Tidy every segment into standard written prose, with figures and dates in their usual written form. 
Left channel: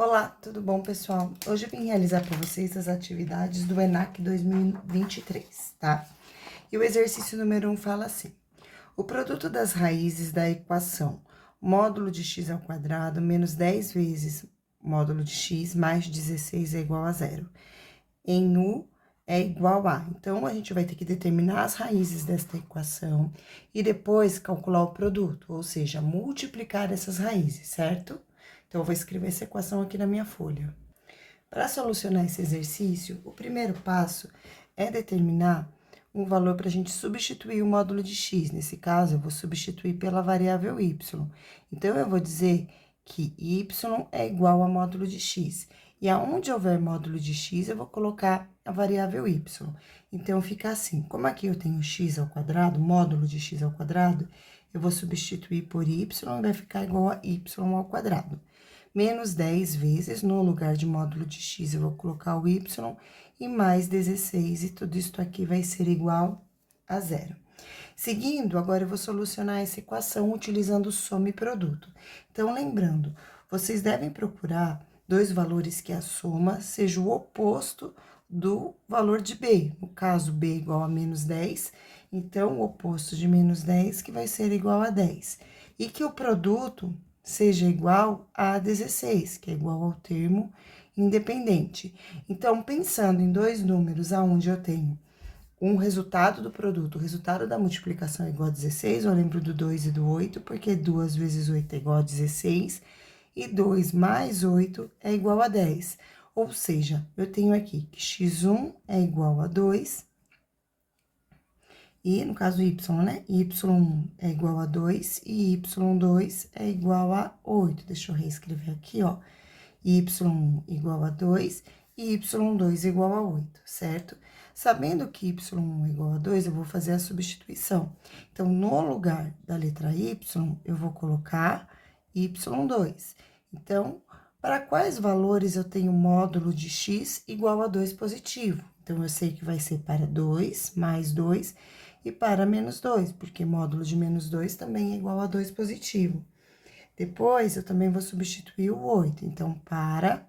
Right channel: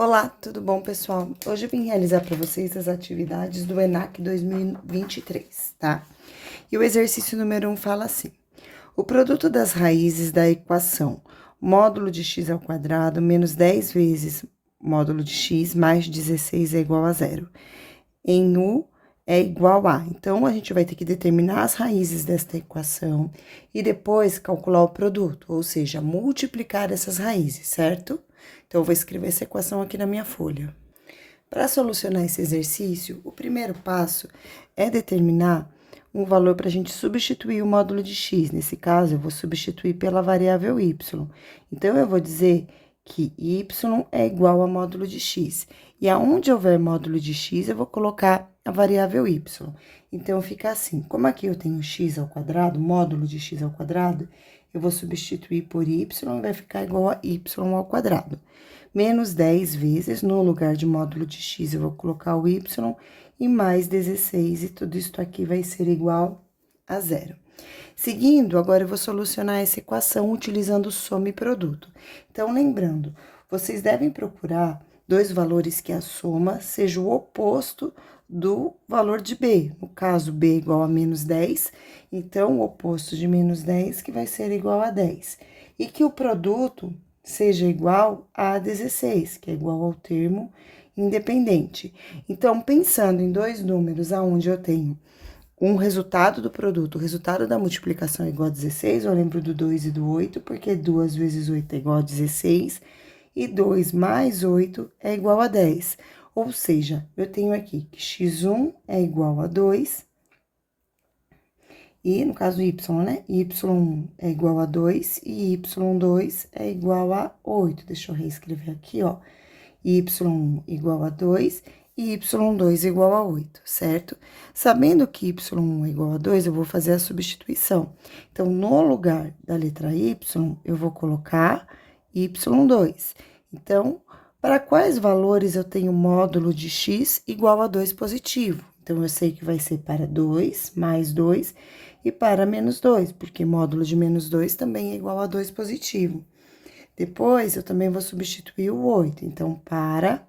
Olá, tudo bom, pessoal? Hoje eu vim realizar para vocês as atividades do ENAC 2023, tá? E o exercício número 1 fala assim: o produto das raízes da equação módulo de x ao quadrado menos 10 vezes módulo de x mais 16 é igual a zero. Em u é igual a. Então, a gente vai ter que determinar as raízes desta equação e depois calcular o produto, ou seja, multiplicar essas raízes, certo? Então, eu vou escrever essa equação aqui na minha folha. Para solucionar esse exercício, o primeiro passo é determinar um valor para a gente substituir o módulo de x. Nesse caso, eu vou substituir pela variável y. Então, eu vou dizer que y é igual a módulo de x. E aonde houver módulo de x, eu vou colocar a variável y. Então, fica assim, como aqui eu tenho x ao quadrado, módulo de x ao quadrado, eu vou substituir por y e vai ficar igual a y ao quadrado. Menos 10 vezes, no lugar de módulo de x, eu vou colocar o y, e mais 16, e tudo isso aqui vai ser igual a zero. Seguindo, agora eu vou solucionar essa equação utilizando soma e produto. Então, lembrando, vocês devem procurar dois valores que a soma seja o oposto do valor de b. No caso, b igual a menos 10, então, o oposto de menos 10 que vai ser igual a 10. E que o produto seja igual a 16, que é igual ao termo independente. Então, pensando em dois números aonde eu tenho um resultado do produto, o resultado da multiplicação é igual a 16, eu lembro do 2 e do 8, porque 2 vezes 8 é igual a 16, e 2 mais 8 é igual a 10. Ou seja, eu tenho aqui que x1 é igual a 2, e no caso y, né? Y1 é igual a 2 e y2 é igual a 8. Deixa eu reescrever aqui, ó. Y1 igual a 2 e y2 igual a 8, certo? Sabendo que y1 é igual a 2, eu vou fazer a substituição. Então, no lugar da letra y, eu vou colocar y2. Então, para quais valores eu tenho módulo de x igual a 2 positivo? Então, eu sei que vai ser para 2 mais 2 e para menos 2, porque módulo de menos 2 também é igual a 2 positivo. Depois, eu também vou substituir o 8. Então, para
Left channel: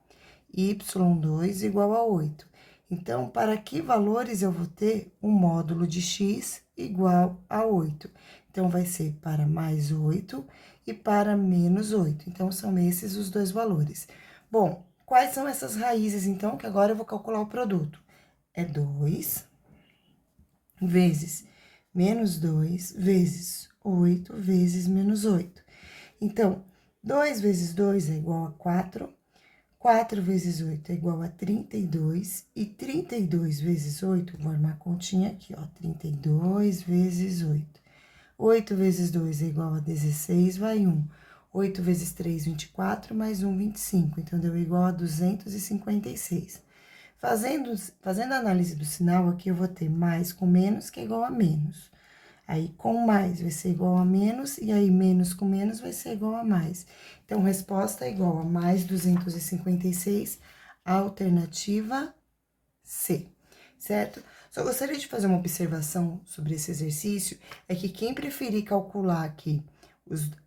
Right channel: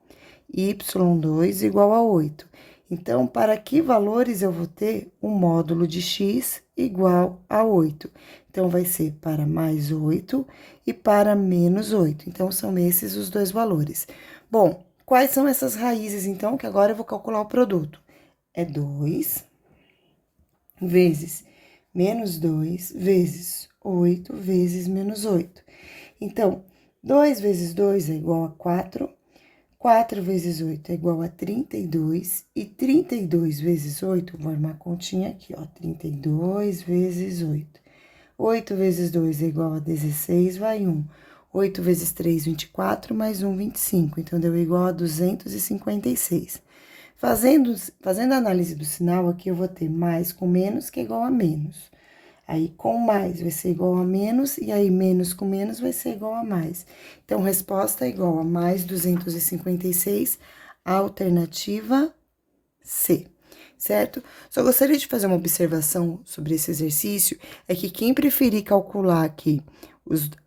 y2 igual a 8. Então, para que valores eu vou ter um módulo de x igual a 8? Então, vai ser para mais 8 e para menos 8. Então, são esses os dois valores. Bom, quais são essas raízes, então, que agora eu vou calcular o produto? É 2 vezes menos 2 vezes 8 vezes menos 8. Então, 2 vezes 2 é igual a 4, 4 vezes 8 é igual a 32, e 32 vezes 8, vou armar a continha aqui, ó, 32 vezes 8. 8 vezes 2 é igual a 16, vai 1. 8 vezes 3, 24, mais 1, 25. Então, deu igual a 256. Fazendo a análise do sinal, aqui eu vou ter mais com menos, que é igual a menos. Aí, com mais vai ser igual a menos, e aí, menos com menos vai ser igual a mais. Então, resposta é igual a mais 256, alternativa C, certo? Só gostaria de fazer uma observação sobre esse exercício, é que quem preferir calcular aqui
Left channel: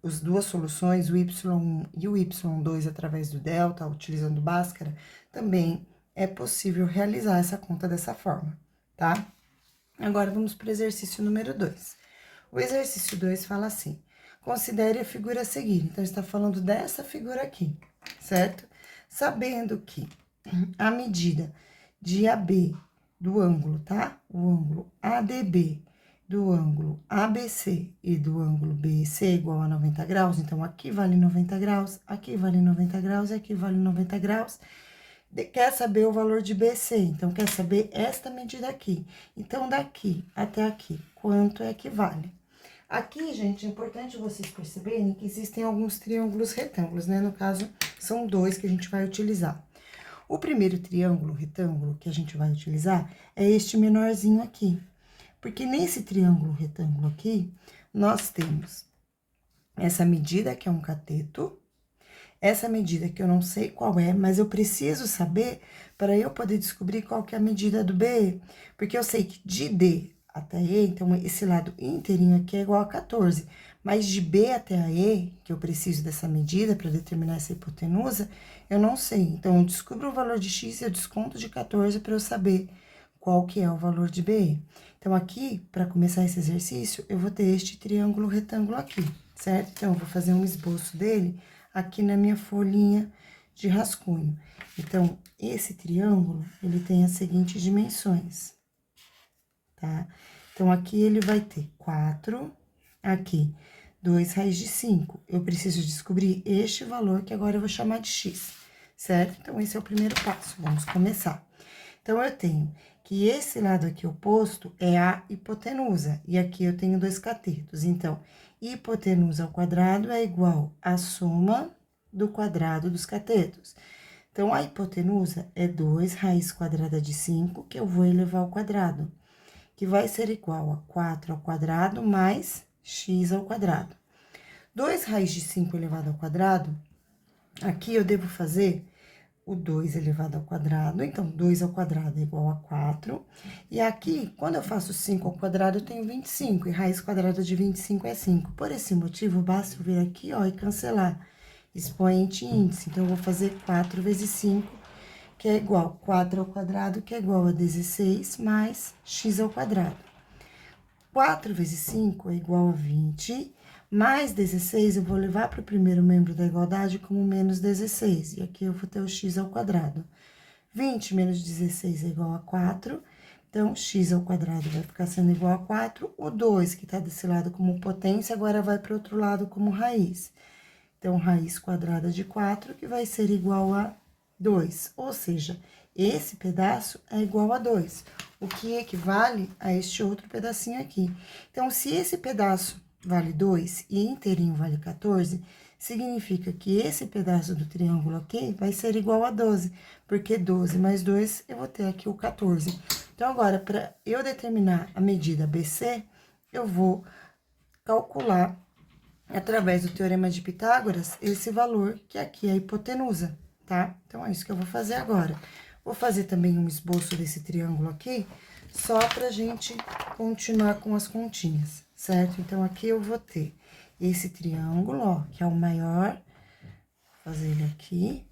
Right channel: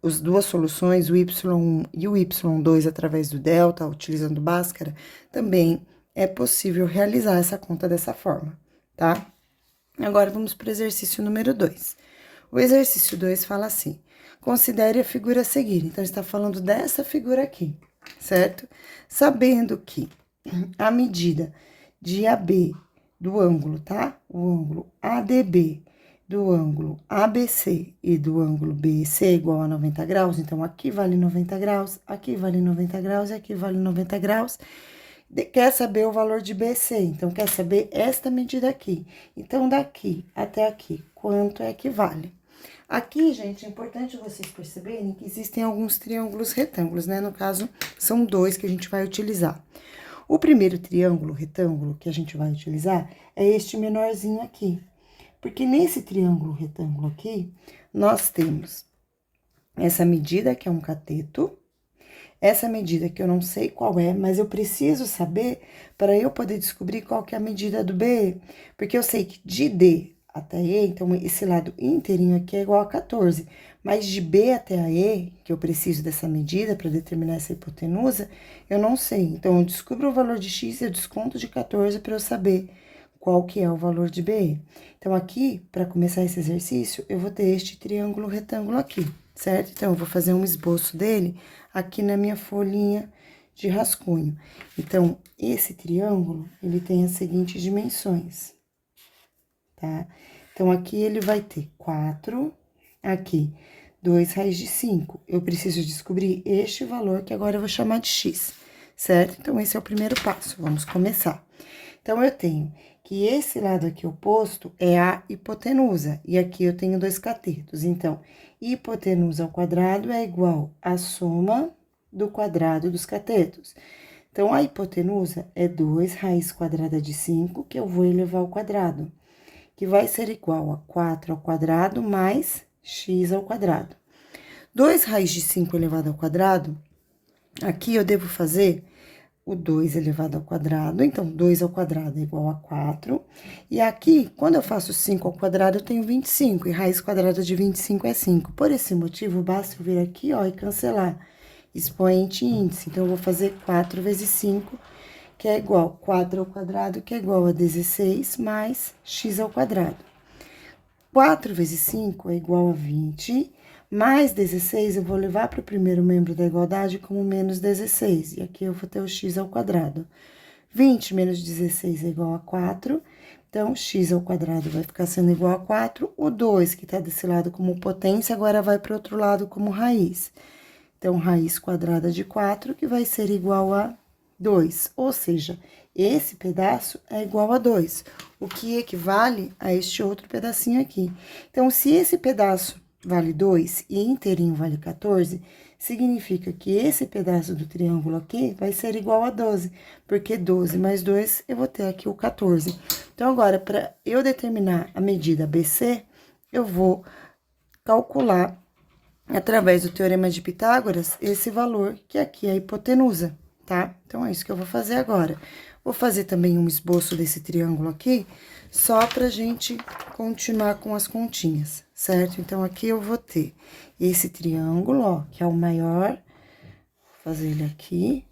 as duas soluções, o y1 e o y2 através do delta, utilizando Bhaskara, também é possível realizar essa conta dessa forma, tá? Agora, vamos para o exercício número 2. O exercício 2 fala assim: considere a figura a seguir. Então, está falando dessa figura aqui, certo? Sabendo que a medida de AB do ângulo, tá? O ângulo ADB do ângulo ABC e do ângulo BC é igual a 90 graus. Então, aqui vale 90 graus, aqui vale 90 graus e aqui vale 90 graus. Quer saber o valor de BC, então, quer saber esta medida aqui. Então, daqui até aqui, quanto é que vale? Aqui, gente, é importante vocês perceberem que existem alguns triângulos retângulos, né? No caso, são dois que a gente vai utilizar. O primeiro triângulo retângulo que a gente vai utilizar é este menorzinho aqui. Porque nesse triângulo retângulo aqui, nós temos essa medida, que é um cateto. Essa medida que eu não sei qual é, mas eu preciso saber para eu poder descobrir qual que é a medida do BE. Porque eu sei que de D até E, então, esse lado inteirinho aqui é igual a 14. Mas de B até a E, que eu preciso dessa medida para determinar essa hipotenusa, eu não sei. Então, eu descubro o valor de x e eu desconto de 14 para eu saber qual que é o valor de BE. Então, aqui, para começar esse exercício, eu vou ter este triângulo retângulo aqui, certo? Então, eu vou fazer um esboço dele aqui na minha folhinha de rascunho. Então, esse triângulo, ele tem as seguintes dimensões, tá? Então, aqui ele vai ter 4, aqui, 2 raiz de 5. Eu preciso descobrir este valor, que agora eu vou chamar de x, certo? Então, esse é o primeiro passo, vamos começar. Então, eu tenho que esse lado aqui oposto é a hipotenusa, e aqui eu tenho 2 catetos. Então, hipotenusa ao quadrado é igual à soma do quadrado dos catetos. Então, a hipotenusa é 2 raiz quadrada de 5, que eu vou elevar ao quadrado, que vai ser igual a 4 ao quadrado mais x ao quadrado. 2 raiz de 5 elevado ao quadrado, aqui eu devo fazer o 2 elevado ao quadrado, então, 2 ao quadrado é igual a 4. E aqui, quando eu faço 5 ao quadrado, eu tenho 25, e raiz quadrada de 25 é 5. Por esse motivo, basta eu vir aqui, ó, e cancelar expoente e índice. Então, eu vou fazer 4 vezes 5, que é igual a 4 ao quadrado, que é igual a 16, mais x ao quadrado. 4 vezes 5 é igual a 20, mais 16 eu vou levar para o primeiro membro da igualdade como menos 16, e aqui eu vou ter o x ao quadrado. 20 menos 16 é igual a 4, então, x ao quadrado vai ficar sendo igual a 4. O 2, que está desse lado como potência, agora vai para o outro lado como raiz. Então, raiz quadrada de 4, que vai ser igual a 2. Ou seja, esse pedaço é igual a 2, o que equivale a este outro pedacinho aqui. Então, se esse pedaço vale 2 e inteirinho vale 14, significa que esse pedaço do triângulo aqui vai ser igual a 12, porque 12 mais 2, eu vou ter aqui o 14. Então, agora, para eu determinar a medida BC, eu vou calcular, através do Teorema de Pitágoras, esse valor, que aqui é a hipotenusa, tá? Então, é isso que eu vou fazer agora. Vou fazer também um esboço desse triângulo aqui, só pra gente continuar com as continhas, certo? Então, aqui eu vou ter esse triângulo, ó, que é o maior, vou fazer ele aqui,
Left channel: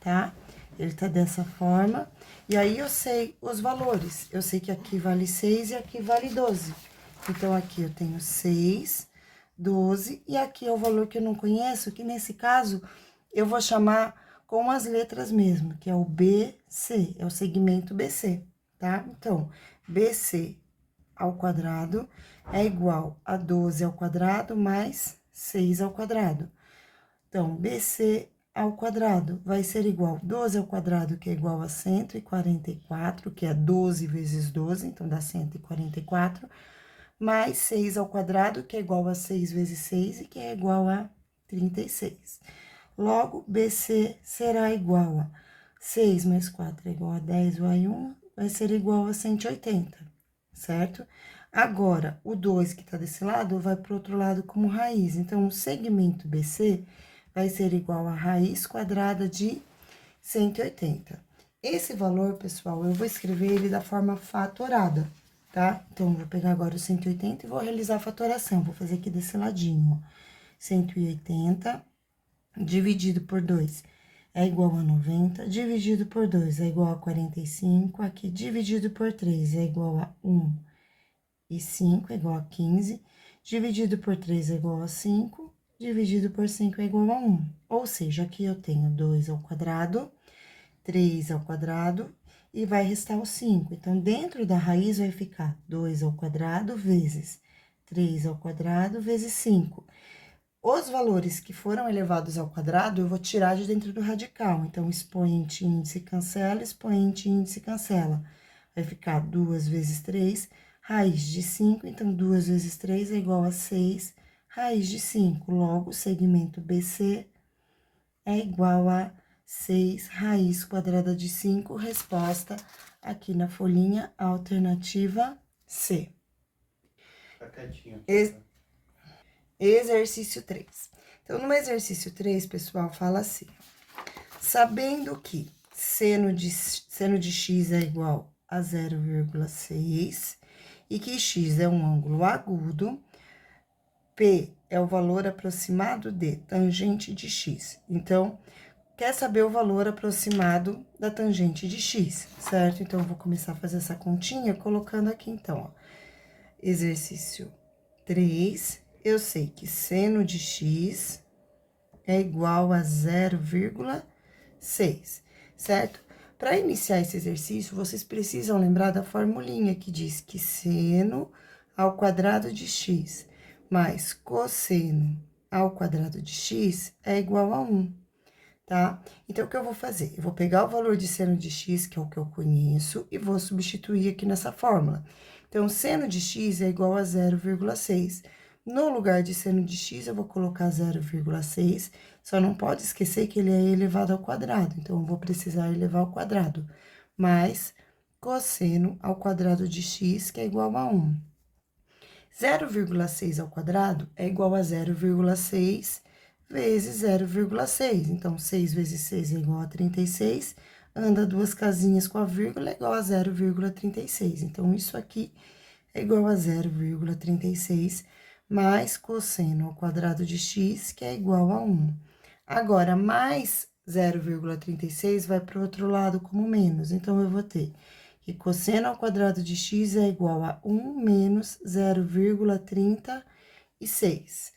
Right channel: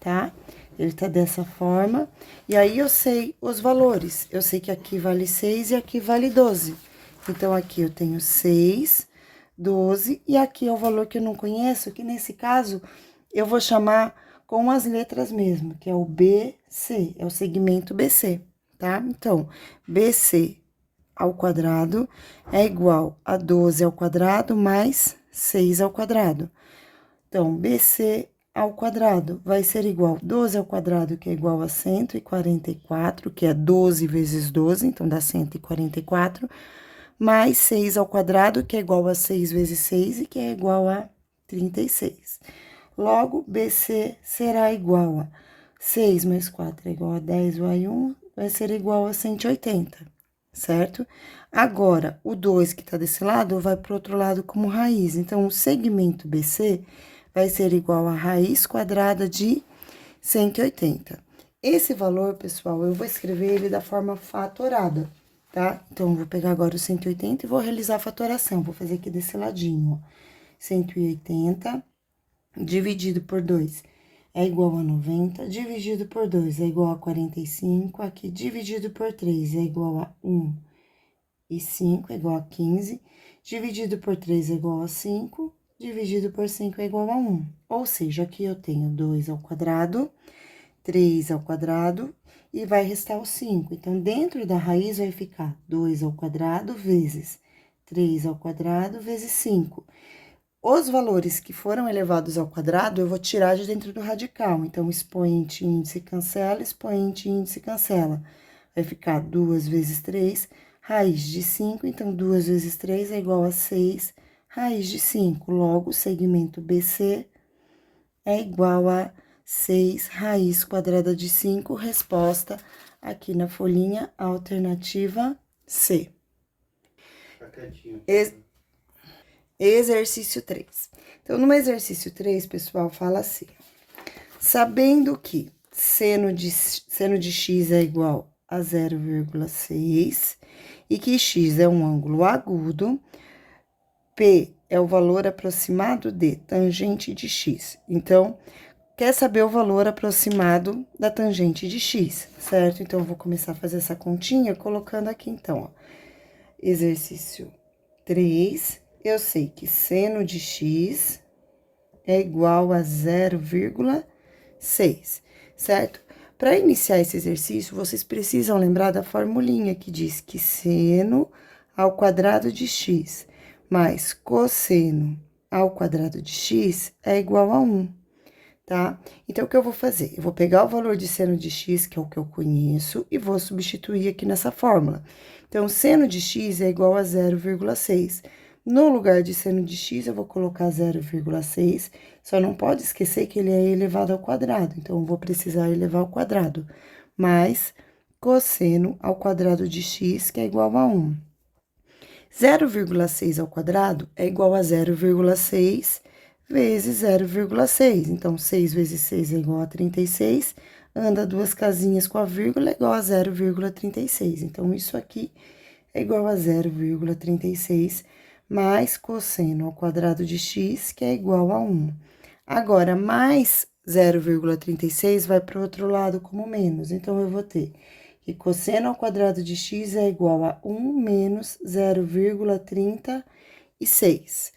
tá? Ele tá dessa forma, e aí eu sei os valores. Eu sei que aqui vale 6 e aqui vale 12. Então, aqui eu tenho 6, 12, e aqui é o valor que eu não conheço, que nesse caso eu vou chamar com as letras mesmo, que é o BC, é o segmento BC, tá? Então, BC ao quadrado é igual a 12 ao quadrado mais 6 ao quadrado. Então, BC ao quadrado vai ser igual a 12 ao quadrado, que é igual a 144, que é 12 vezes 12, então dá 144, mais 6 ao quadrado, que é igual a 6 vezes 6, e que é igual a 36. Logo, BC será igual a 6 mais 4 é igual a 10, vai 1, vai ser igual a 180, certo? Agora, o 2 que tá desse lado vai pro outro lado como raiz. Então, o segmento BC vai ser igual a raiz quadrada de 180. Esse valor, pessoal, eu vou escrever ele da forma fatorada, tá? Então, eu vou pegar agora o 180 e vou realizar a fatoração. Vou fazer aqui desse ladinho, ó. 180 dividido por 2 é igual a 90, dividido por 2 é igual a 45, aqui dividido por 3 é igual a 1 e 5 é igual a 15, dividido por 3 é igual a 5, dividido por 5 é igual a 1. Ou seja, aqui eu tenho 2 ao quadrado, 3 ao quadrado, e vai restar o 5. Então, dentro da raiz vai ficar 2 ao quadrado vezes 3 ao quadrado vezes 5. Os valores que foram elevados ao quadrado, eu vou tirar de dentro do radical. Então, expoente índice cancela, expoente índice cancela. Vai ficar 2 vezes 3, raiz de 5. Então, 2 vezes 3 é igual a 6, raiz de 5. Logo, o segmento BC é igual a 6 raiz quadrada de 5, resposta aqui na folhinha, alternativa C. Fica quietinho. Exercício 3. Então, no exercício 3, pessoal, fala assim: sabendo que seno de x é igual a 0,6 e que x é um ângulo agudo, P é o valor aproximado de tangente de x. Então, quer saber o valor aproximado da tangente de x, certo? Então, eu vou começar a fazer essa continha colocando aqui, então, ó. Exercício 3, eu sei que seno de x é igual a 0,6, certo? Para iniciar esse exercício, vocês precisam lembrar da formulinha que diz que seno ao quadrado de x mais cosseno ao quadrado de x é igual a 1, tá? Então, o que eu vou fazer? Eu vou pegar o valor de seno de x, que é o que eu conheço, e vou substituir aqui nessa fórmula. Então, seno de x é igual a 0,6. No lugar de seno de x, eu vou colocar 0,6, só não pode esquecer que ele é elevado ao quadrado, então, eu vou precisar elevar ao quadrado, mais cosseno ao quadrado de x, que é igual a 1. 0,6 ao quadrado é igual a 0,6 vezes 0,6. Então, 6 vezes 6 é igual a 36. Anda duas casinhas com a vírgula, é igual a 0,36. Então, isso aqui é igual a 0,36 mais cosseno ao quadrado de x, que é igual a 1. Agora, mais 0,36 vai para o outro lado como menos. Então, eu vou ter que cosseno ao quadrado de x é igual a 1 menos 0,36.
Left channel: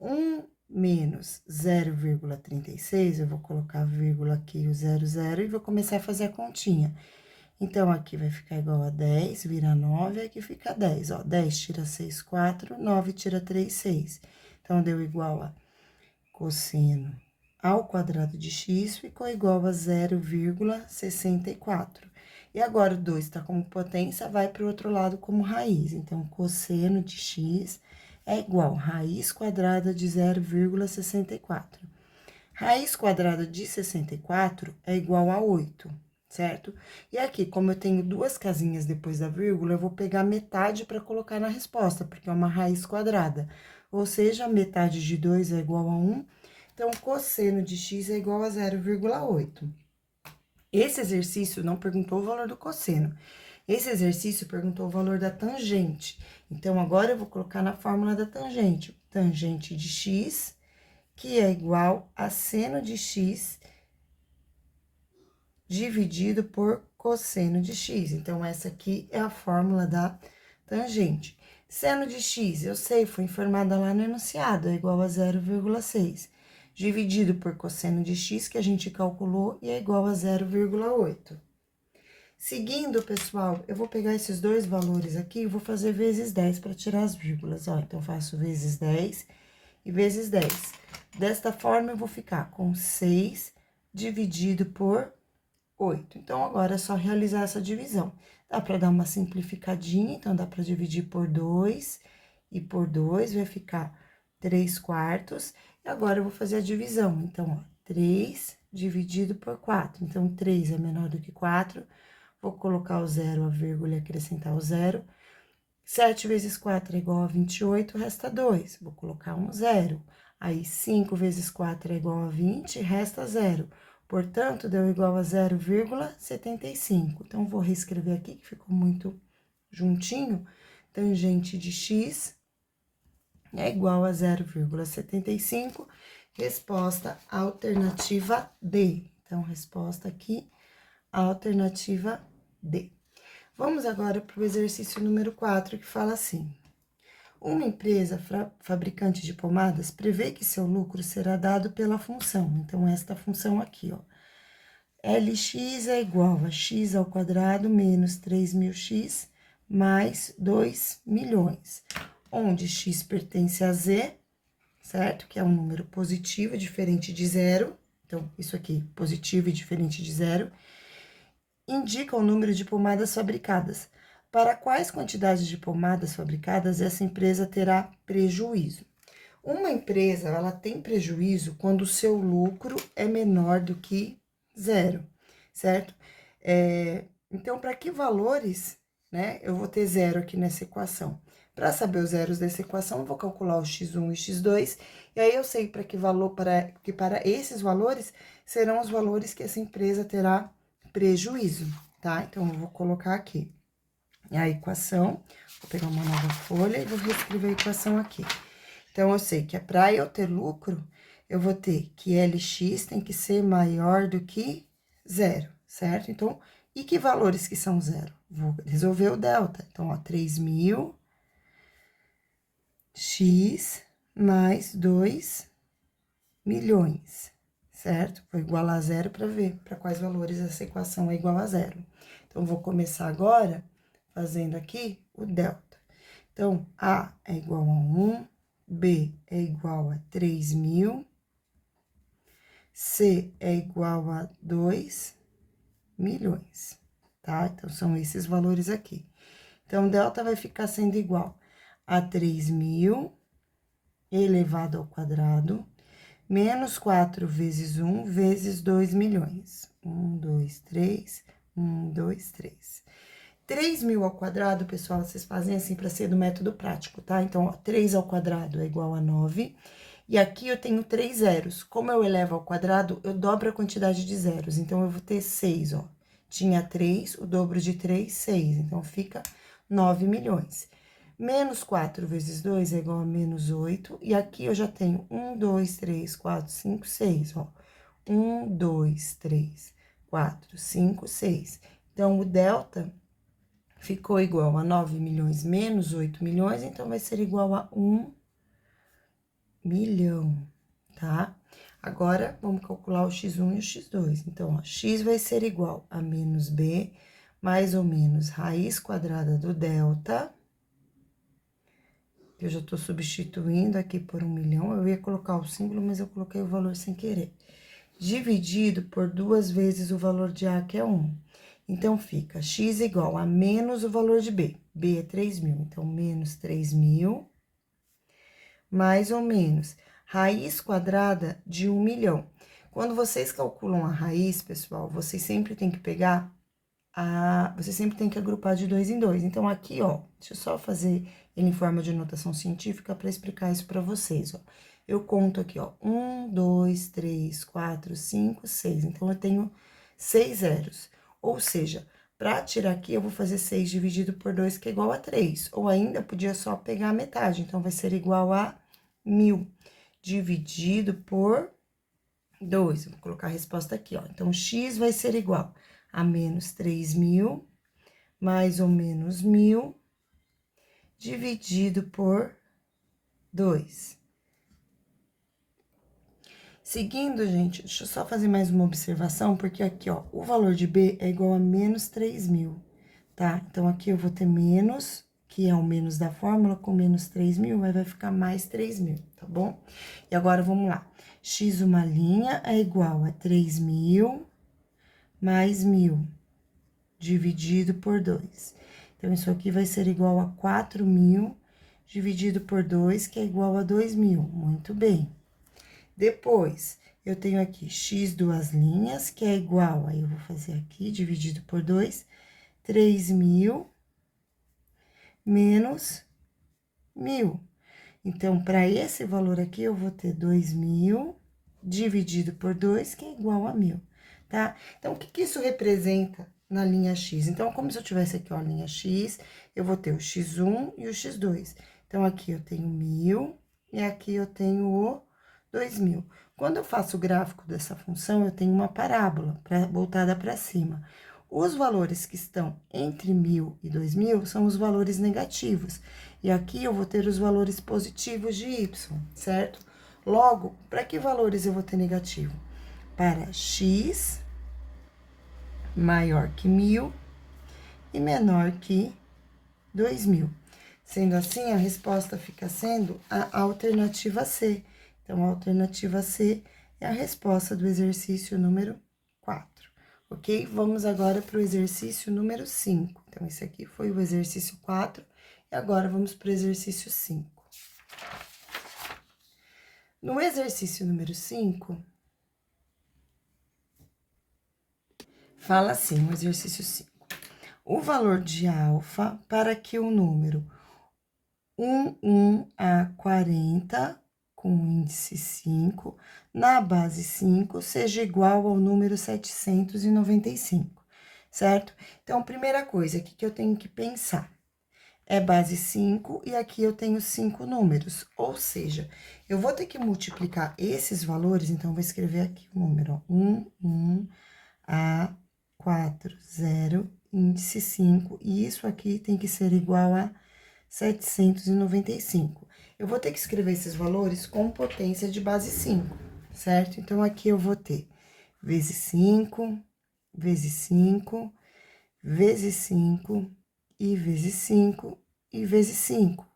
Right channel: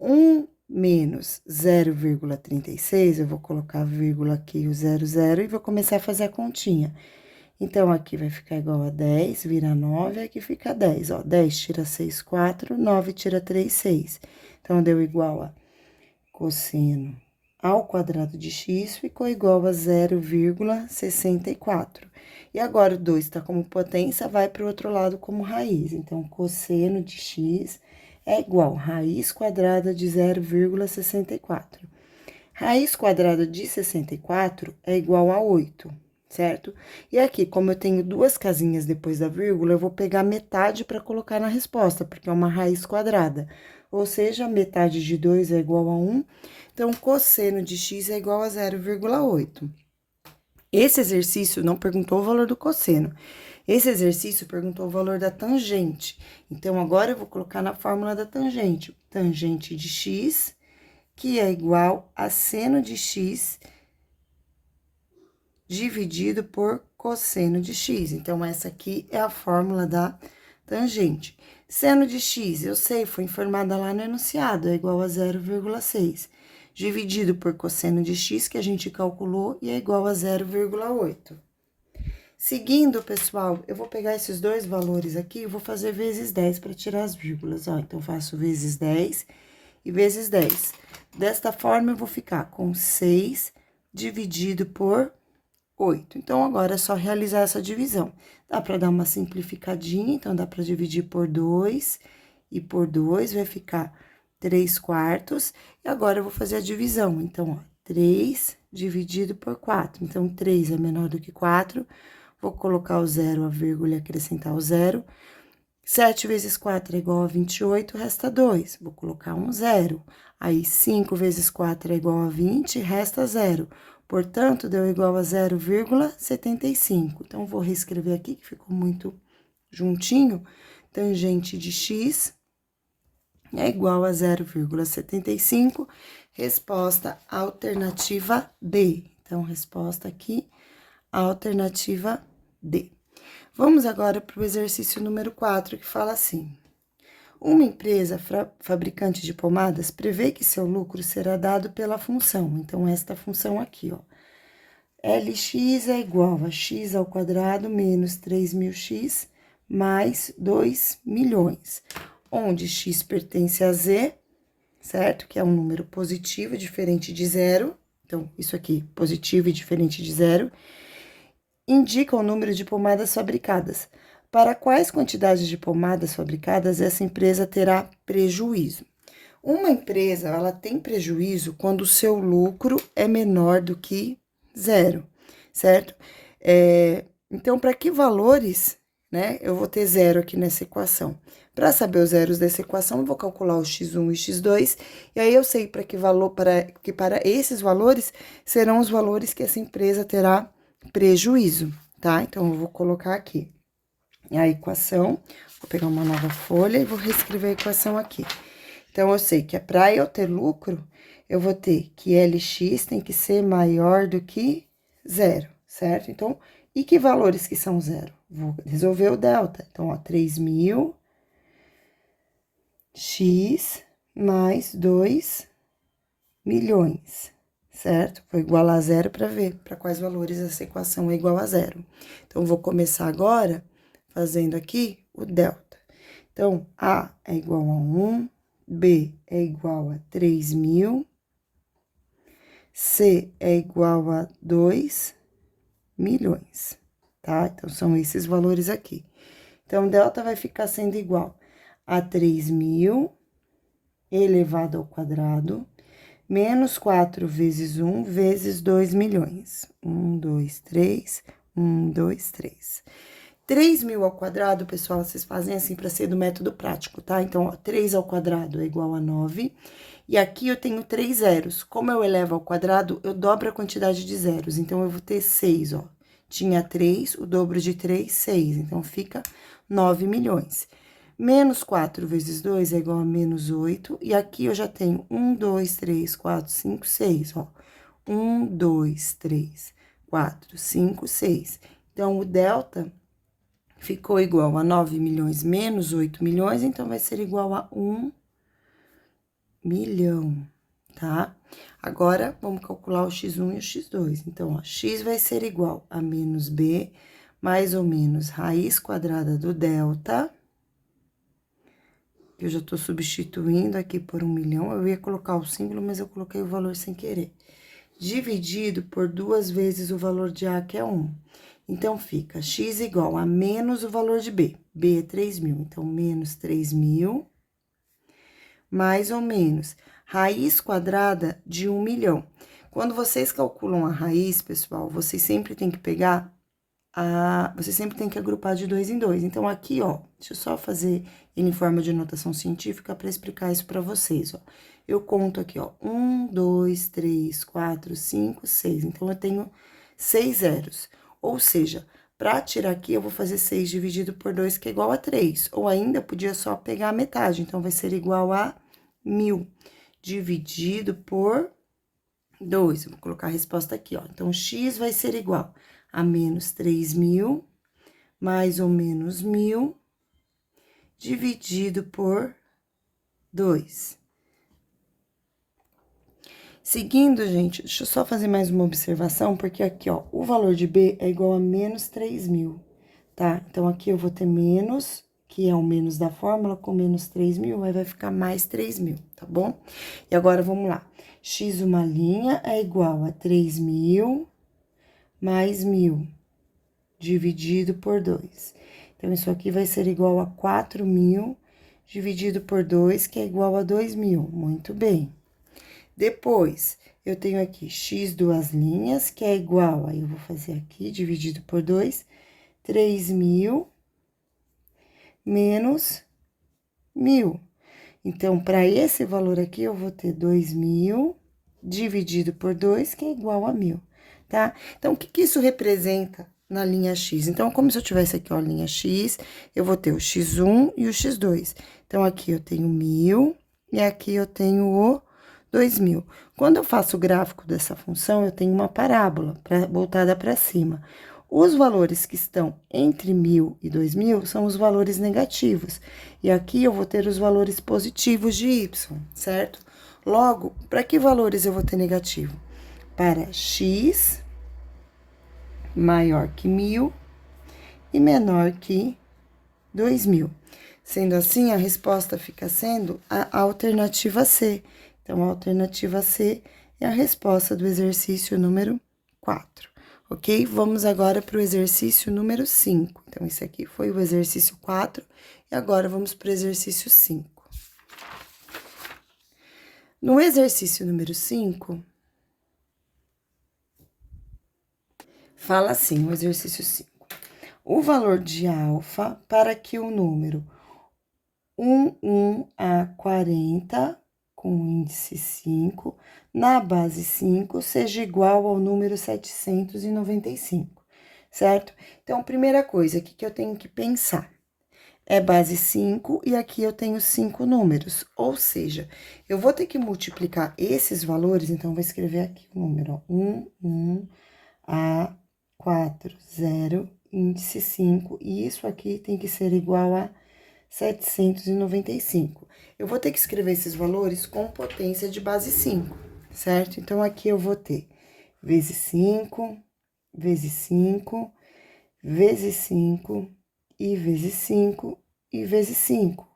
1 menos 0,36, eu vou colocar a vírgula aqui, o 0,0, e vou começar a fazer a continha. Então, aqui vai ficar igual a 10, vira 9, aqui fica 10, ó. 10 tira 6, 4, 9 tira 3, 6. Então, deu igual a cosseno ao quadrado de x, ficou igual a 0,64. E agora, o 2 está como potência, vai para o outro lado como raiz. Então, cosseno de x é igual a raiz quadrada de 0,64. Raiz quadrada de 64 é igual a 8, certo? E aqui, como eu tenho duas casinhas depois da vírgula, eu vou pegar metade para colocar na resposta, porque é uma raiz quadrada. Ou seja, metade de 2 é igual a 1, então, cosseno de x é igual a 0,8. Esse exercício não perguntou o valor do cosseno. Esse exercício perguntou o valor da tangente. Então, agora eu vou colocar na fórmula da tangente. Tangente de x, que é igual a seno de x dividido por cosseno de x. Então, essa aqui é a fórmula da tangente. Seno de x, eu sei, foi informada lá no enunciado, é igual a 0,6. Dividido por cosseno de x, que a gente calculou, e é igual a 0,8. Seguindo, pessoal, eu vou pegar esses dois valores aqui e vou fazer vezes 10 para tirar as vírgulas, ó. Então, faço vezes 10 e vezes 10. Desta forma, eu vou ficar com 6 dividido por 8. Então, agora é só realizar essa divisão. Dá para dar uma simplificadinha, então, dá para dividir por 2 e por 2, vai ficar 3 quartos. E agora, eu vou fazer a divisão. Então, ó, 3 dividido por 4. Então, 3 é menor do que 4. Vou colocar o 0, a vírgula e acrescentar o 0. 7 vezes 4 é igual a 28, resta 2. Vou colocar um 0. Aí, 5 vezes 4 é igual a 20, resta 0. Portanto, deu igual a 0,75. Então, vou reescrever aqui, que ficou muito juntinho. Tangente de x é igual a 0,75. Resposta alternativa D. Então, resposta aqui, alternativa D. Vamos agora para o exercício número 4, que fala assim: uma empresa fabricante de pomadas prevê que seu lucro será dado pela função. Então, esta função aqui, ó. Lx é igual a x ao quadrado menos 3.000x mais 2 milhões, onde x pertence a z, certo? Que é um número positivo diferente de zero. Então, isso aqui, positivo e diferente de zero, indica o número de pomadas fabricadas. Para quais quantidades de pomadas fabricadas essa empresa terá prejuízo? Uma empresa, ela tem prejuízo quando o seu lucro é menor do que zero, certo? Então, para que valores, né, eu vou ter zero aqui nessa equação? Para saber os zeros dessa equação, eu vou calcular o x1 e x2, e aí eu sei para que valor, para esses valores serão os valores que essa empresa terá prejuízo, tá? Então, eu vou colocar aqui a equação, vou pegar uma nova folha e vou reescrever a equação aqui. Então, eu sei que para eu ter lucro, eu vou ter que LX tem que ser maior do que zero, certo? Então, e que valores que são zero? Vou resolver o delta. Então, ó, 3.000 x mais 2 milhões, certo? Vou igualar a zero para ver para quais valores essa equação é igual a zero. Então, vou começar agora fazendo aqui o delta. Então, A é igual a 1, B é igual a 3.000, C é igual a 2 milhões, tá? Então, são esses valores aqui. Então, delta vai ficar sendo igual a 3.000 elevado ao quadrado, menos 4 vezes 1 vezes 2 milhões. 1, 2, 3, 1, 2, 3. 3.000 ao quadrado, pessoal, vocês fazem assim para ser do método prático, tá? Então, ó, 3 ao quadrado é igual a 9. E aqui eu tenho 3 zeros. Como eu elevo ao quadrado, eu dobro a quantidade de zeros. Então, eu vou ter 6, ó. Tinha 3, o dobro de 3, 6. Então, fica 9 milhões. Menos 4 vezes 2 é igual a menos 8. E aqui eu já tenho 1, 2, 3, 4, 5, 6, ó. 1, 2, 3, 4, 5, 6. Então, o delta ficou igual a 9 milhões menos 8 milhões, então vai ser igual a 1 milhão, tá? Agora, vamos calcular o x1 e o x2. Então, ó, x vai ser igual a menos b, mais ou menos raiz quadrada do delta. Eu já tô substituindo aqui por 1 milhão. Eu ia colocar o símbolo, mas eu coloquei o valor sem querer. Dividido por 2 vezes o valor de A, que é 1. Então, fica x igual a menos o valor de B. B é 3.000, então, menos 3.000, mais ou menos raiz quadrada de 1 milhão. Quando vocês calculam a raiz, pessoal, vocês sempre tem que pegar vocês sempre tem que agrupar de 2 em 2. Então, aqui, ó, deixa eu só fazer ele em forma de notação científica para explicar isso para vocês, ó. Eu conto aqui, ó, 1, 2, 3, 4, 5, 6. Então, eu tenho 6 zeros. Ou seja, para tirar aqui, eu vou fazer 6 dividido por 2, que é igual a 3. Ou ainda, podia só pegar a metade. Então, vai ser igual a 1.000 dividido por 2. Eu vou colocar a resposta aqui, ó. Então, x vai ser igual a menos 3.000, mais ou menos 1.000, dividido por 2. Seguindo, gente, deixa eu só fazer mais uma observação, porque aqui, ó, o valor de B é igual a menos 3.000, tá? Então, aqui eu vou ter menos, que é o menos da fórmula, com menos 3.000, aí vai ficar mais 3.000, tá bom? E agora, vamos lá. X uma linha é igual a 3.000 mais 1.000 dividido por 2. Então, isso aqui vai ser igual a 4.000 dividido por 2, que é igual a 2.000. Muito bem. Depois, eu tenho aqui x duas linhas, que é igual, aí eu vou fazer aqui, dividido por 2, 3.000 menos 1.000. Então, para esse valor aqui, eu vou ter 2.000 dividido por 2, que é igual a 1.000, tá? Então, o que isso representa na linha X? Então, como se eu tivesse aqui, ó, a linha X, eu vou ter o x1 e o x2. Então, aqui eu tenho 1.000 e aqui eu tenho o 2.000. Quando eu faço o gráfico dessa função, eu tenho uma parábola voltada para cima. Os valores que estão entre 1.000 e 2.000 são os valores negativos. E aqui eu vou ter os valores positivos de y, certo? Logo, para que valores eu vou ter negativo? Para x maior que 1.000 e menor que 2.000. Sendo assim, a resposta fica sendo a alternativa C. Então, a alternativa C é a resposta do exercício número 4, ok? Vamos agora para o exercício número 5. Então, esse aqui foi o exercício 4, e agora vamos para o exercício 5. No exercício número 5, fala assim, o exercício 5. O valor de alfa para que o número 1 a 40, com índice 5, na base 5, seja igual ao número 795, certo? Então, primeira coisa, o que eu tenho que pensar? é base 5 e aqui eu tenho 5 números. Ou seja, eu vou ter que multiplicar esses valores, então, eu vou escrever aqui o número, ó, 1, A, 4, 0, índice 5, e isso aqui tem que ser igual a 795. Eu vou ter que escrever esses valores com potência de base 5, certo? Então, aqui eu vou ter vezes 5, vezes 5, vezes 5, e vezes 5, e vezes 5,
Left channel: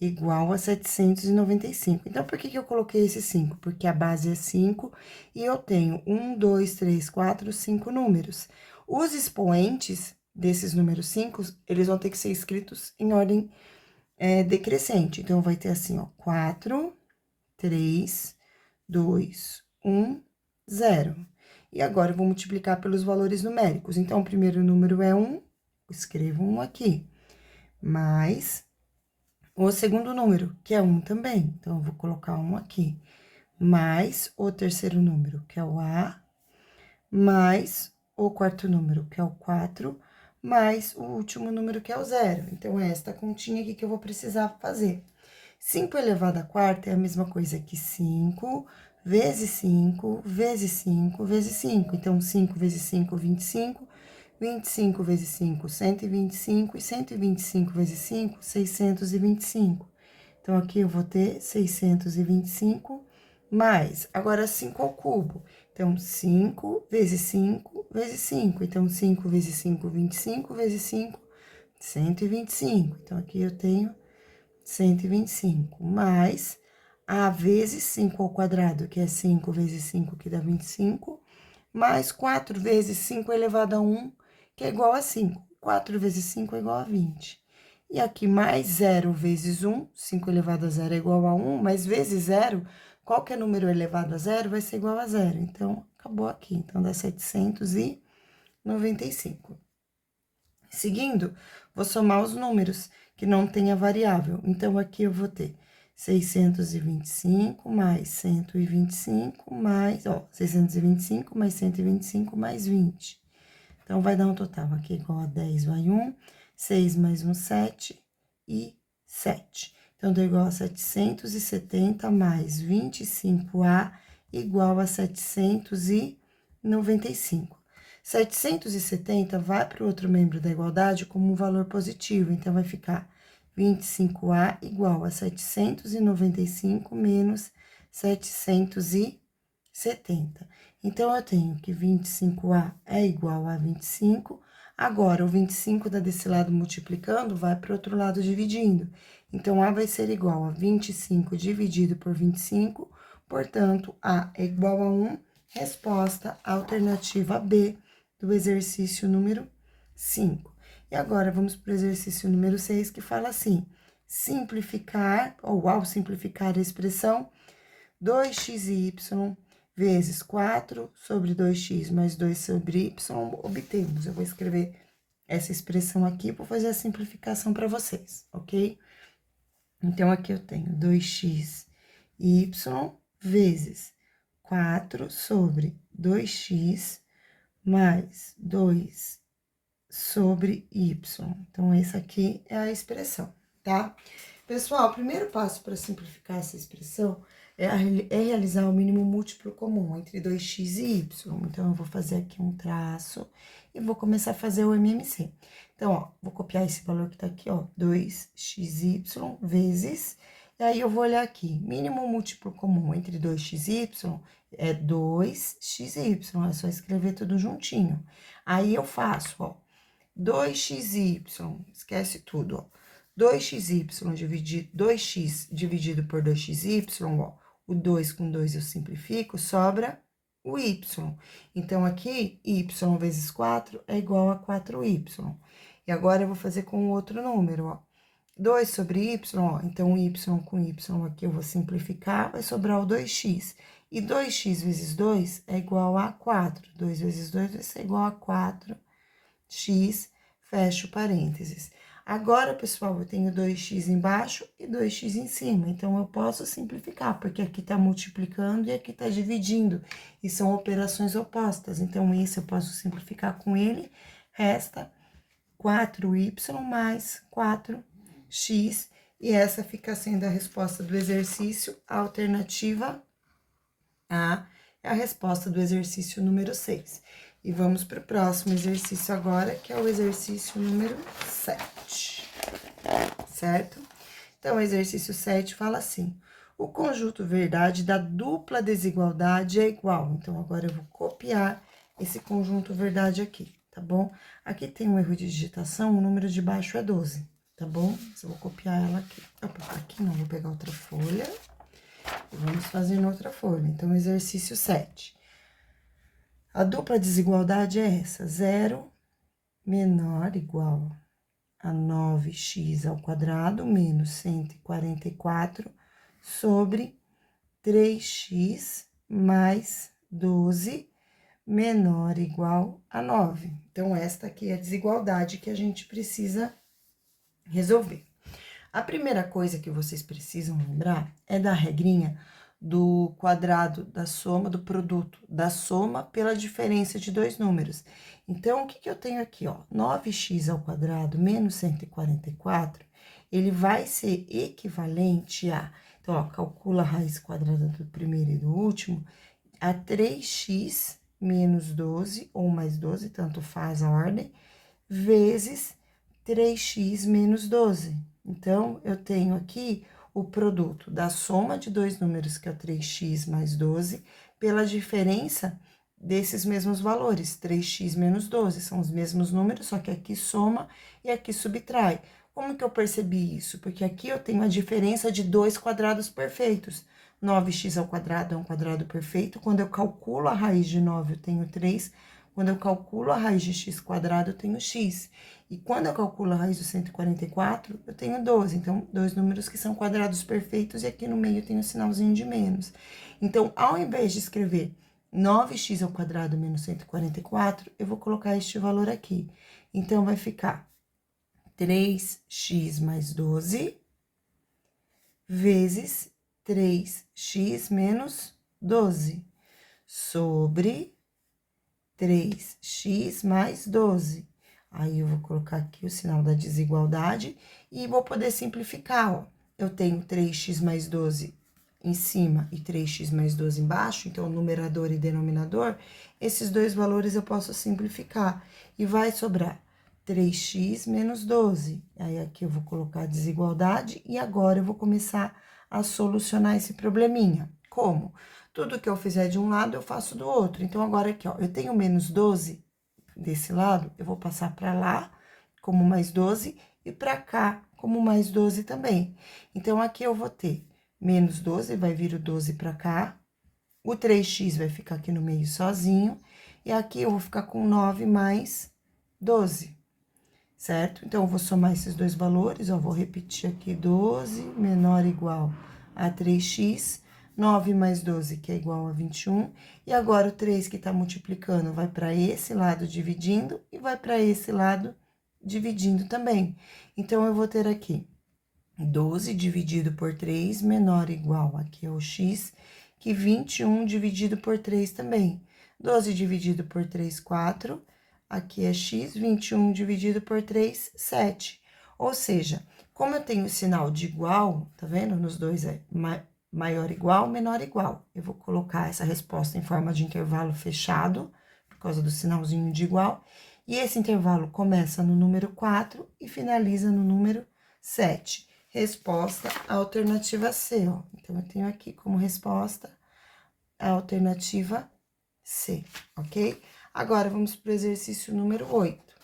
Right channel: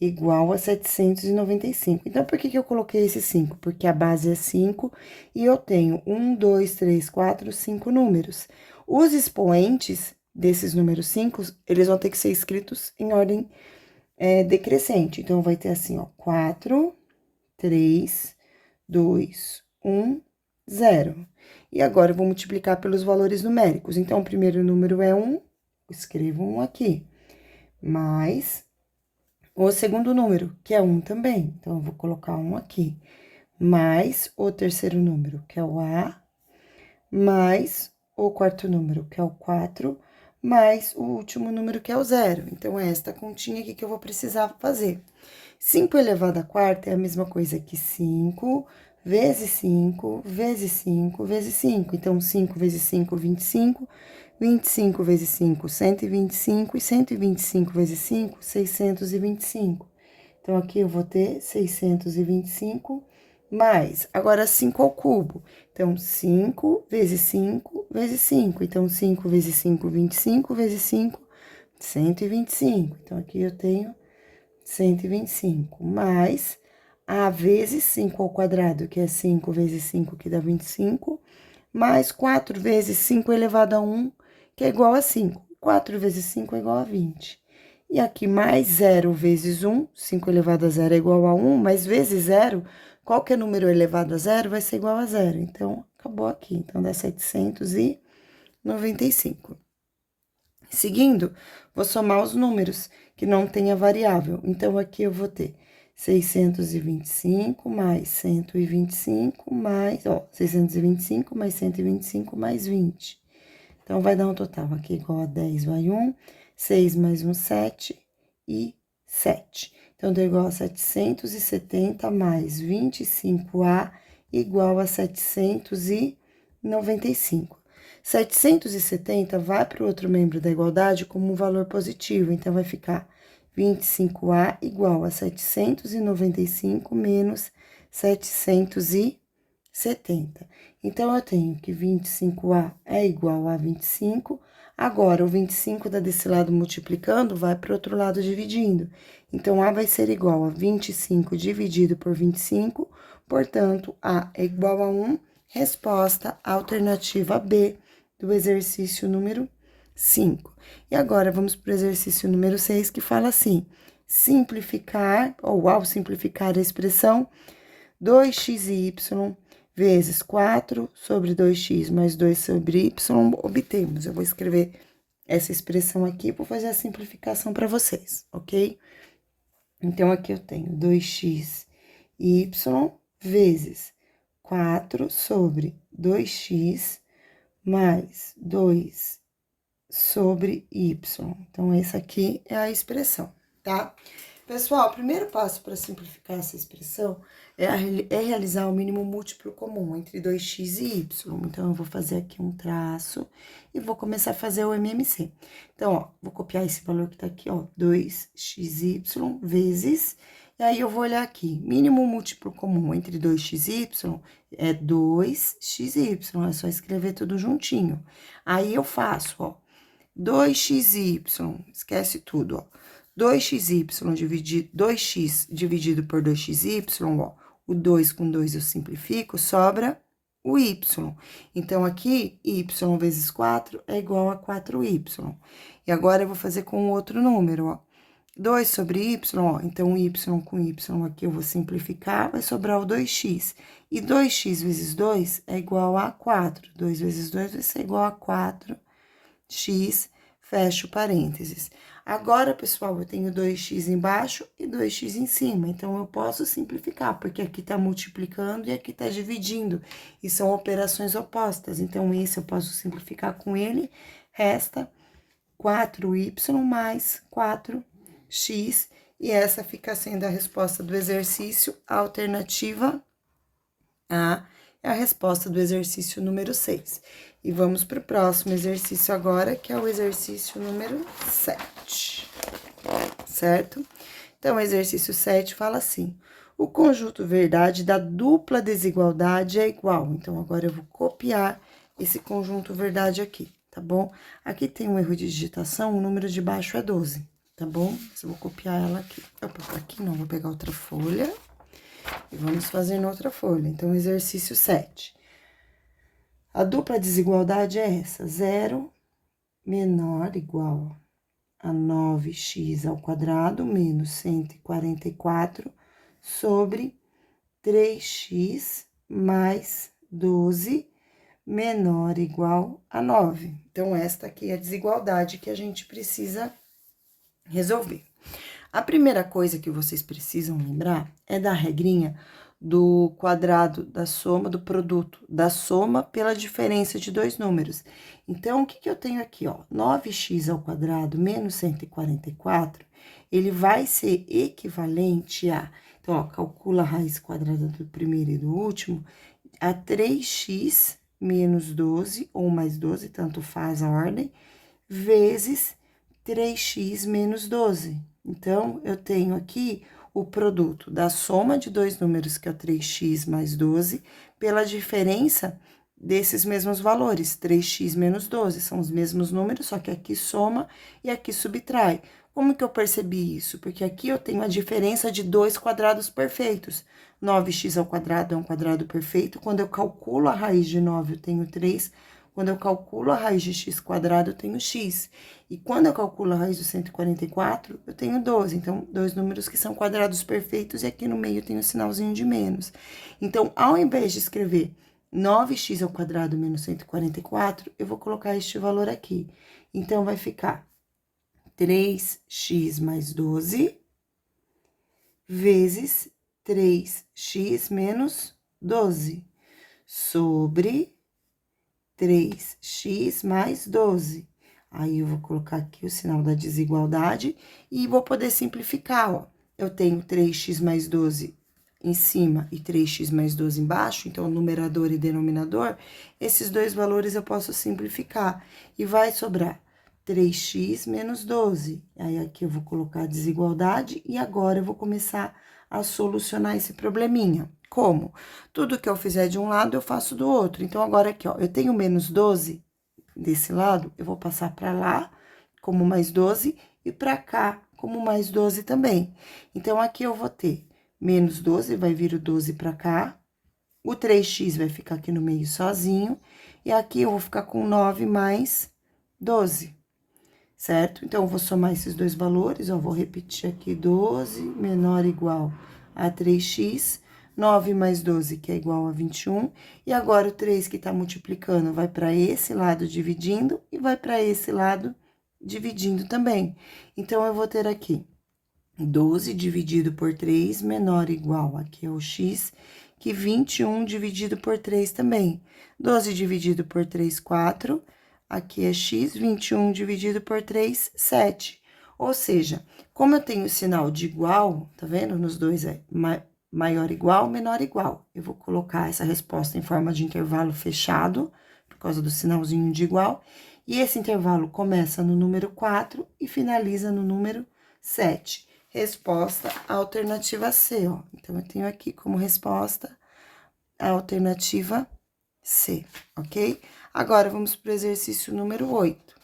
igual a 795. Então, por que eu coloquei esse 5? Porque a base é 5 e eu tenho 1, 2, 3, 4, 5 números. Os expoentes desses números 5, eles vão ter que ser escritos em ordem decrescente. Então, vai ter assim, ó, 4, 3, 2, 1, 0. E agora, eu vou multiplicar pelos valores numéricos. Então, o primeiro número é 1, escrevo 1 aqui, mais o segundo número, que é 1 também. Então, eu vou colocar 1 aqui, mais o terceiro número, que é o A, mais o quarto número, que é o 4, mais o último número, que é o 0. Então, é esta continha aqui que eu vou precisar fazer. 5 elevado à quarta é a mesma coisa que 5 vezes 5 vezes 5 vezes 5. Então, 5 vezes 5, 25. 25 vezes 5, 125. E 125 vezes 5, 625. Então, aqui eu vou ter 625 mais. Agora, 5 ao cubo. Então, 5 vezes 5 vezes 5. Então, 5 vezes 5, 25 vezes 5, 125. Então, aqui eu tenho 125, mais A vezes 5 ao quadrado, que é 5 vezes 5, que dá 25, mais 4 vezes 5 elevado a 1, que é igual a 5. 4 vezes 5 é igual a 20. E aqui, mais 0 vezes 1, 5 elevado a 0 é igual a 1, mas vezes 0, qualquer número elevado a 0 vai ser igual a 0. Então, acabou aqui. Então, dá 795. Seguindo, vou somar os números que não tem a variável. Então, aqui eu vou ter 625 mais 125 mais, ó, 625 mais 125 mais 20. Então, vai dar um total aqui igual a 10, vai 1, 6 mais 1, 7 e 7. Então, deu igual a 770 mais 25A igual a 795. 770 vai para o outro membro da igualdade como um valor positivo, então vai ficar 25A igual a 795 menos 770. Então, eu tenho que 25A é igual a 25. Agora, o 25 desse lado multiplicando vai para o outro lado dividindo. Então, A vai ser igual a 25 dividido por 25, portanto, A é igual a 1. Resposta alternativa B do exercício número 5. E agora, vamos para o exercício número 6, que fala assim: simplificar, ou ao simplificar a expressão 2x e y vezes 4 sobre 2x mais 2 sobre y, obtemos. Eu vou escrever essa expressão aqui, vou fazer a simplificação para vocês, ok? Então, aqui eu tenho 2x e y vezes 4 sobre 2x mais 2 sobre y. Então, essa aqui é a expressão, tá? Pessoal, o primeiro passo para simplificar essa expressão é realizar o mínimo múltiplo comum entre 2x e y. Então, eu vou fazer aqui um traço e vou começar a fazer o MMC. Então, ó, vou copiar esse valor que tá aqui, ó, 2xy vezes... E aí, eu vou olhar aqui, mínimo múltiplo comum entre 2x e y é 2xy, é só escrever tudo juntinho. Aí, eu faço, ó, 2xy, esquece tudo, ó. 2xy dividido, 2x dividido por 2xy, ó. O 2 com 2 eu simplifico, sobra o y. Então, aqui, y vezes 4 é igual a 4y. E agora, eu vou fazer com outro número, ó. 2 sobre y, ó. Então, y com y aqui eu vou simplificar, vai sobrar o 2x. E 2x vezes 2 é igual a 4. 2 vezes 2 vai ser igual a 4x, fecho parênteses. Agora, pessoal, eu tenho 2x embaixo e 2x em cima, então eu posso simplificar, porque aqui tá multiplicando e aqui tá dividindo, e são operações opostas. Então, esse eu posso simplificar com ele, resta 4y mais 4x. x, e essa fica sendo a resposta do exercício. A alternativa A é a resposta do exercício número 6. E vamos para o próximo exercício agora, que é o exercício número 7, certo? Então, o exercício 7 fala assim: o conjunto verdade da dupla desigualdade é igual. Então, agora eu vou copiar esse conjunto verdade aqui, tá bom? Aqui tem um erro de digitação, o número de baixo é 12, tá bom? Mas eu vou copiar ela aqui. Opa, aqui não, vou pegar outra folha e vamos fazer na outra folha. Então, exercício 7. A dupla desigualdade é essa: 0 menor igual a 9x ao quadrado menos 144 sobre 3x mais 12 menor igual a 9. Então, esta aqui é a desigualdade que a gente precisa resolver. A primeira coisa que vocês precisam lembrar é da regrinha do quadrado da soma do produto, da soma pela diferença de dois números. Então, o que eu tenho aqui, ó? 9x ao quadrado menos 144, ele vai ser equivalente a... Então, ó, calcula a raiz quadrada do primeiro e do último, a 3x menos 12, ou mais 12, tanto faz a ordem, vezes 3x menos 12. Então, eu tenho aqui o produto da soma de dois números, que é 3x mais 12, pela diferença desses mesmos valores, 3x menos 12. São os mesmos números, só que aqui soma e aqui subtrai. Como que eu percebi isso? Porque aqui eu tenho a diferença de dois quadrados perfeitos. 9x ao quadrado é um quadrado perfeito. Quando eu calculo a raiz de 9, eu tenho 3. Quando eu calculo a raiz de x quadrado, eu tenho x. E quando eu calculo a raiz de 144, eu tenho 12. Então, dois números que são quadrados perfeitos, e aqui no meio tem um sinalzinho de menos. Então, ao invés de escrever 9x ao quadrado menos 144, eu vou colocar este valor aqui. Então, vai ficar 3x mais 12 vezes 3x menos 12 sobre 3x mais 12. Aí, eu vou colocar aqui o sinal da desigualdade e vou poder simplificar, ó. Eu tenho 3x mais 12 em cima e 3x mais 12 embaixo, então, numerador e denominador, esses dois valores eu posso simplificar. E vai sobrar 3x menos 12. Aí, aqui eu vou colocar a desigualdade e agora eu vou começar a solucionar esse probleminha. Como? Tudo que eu fizer de um lado, eu faço do outro. Então, agora aqui, ó, eu tenho menos 12 desse lado, eu vou passar para lá como mais 12 e para cá como mais 12 também. Então, aqui eu vou ter menos 12, vai vir o 12 para cá, o 3x vai ficar aqui no meio sozinho, e aqui eu vou ficar com 9 mais 12, certo? Então, eu vou somar esses dois valores, ó, vou repetir aqui, 12 menor ou igual a 3x, 9 mais 12, que é igual a 21, e agora o 3 que tá multiplicando vai para esse lado dividindo e vai para esse lado dividindo também. Então, eu vou ter aqui 12 dividido por 3 menor ou igual, aqui é o x, que 21 dividido por 3 também. 12 dividido por 3, 4, aqui é x, 21 dividido por 3, 7. Ou seja, como eu tenho o sinal de igual, tá vendo? Nos dois é maior igual, menor igual. Eu vou colocar essa resposta em forma de intervalo fechado, por causa do sinalzinho de igual. E esse intervalo começa no número 4 e finaliza no número 7. Resposta alternativa C, ó. Então, eu tenho aqui como resposta a alternativa C, ok? Agora, vamos para o exercício número 8.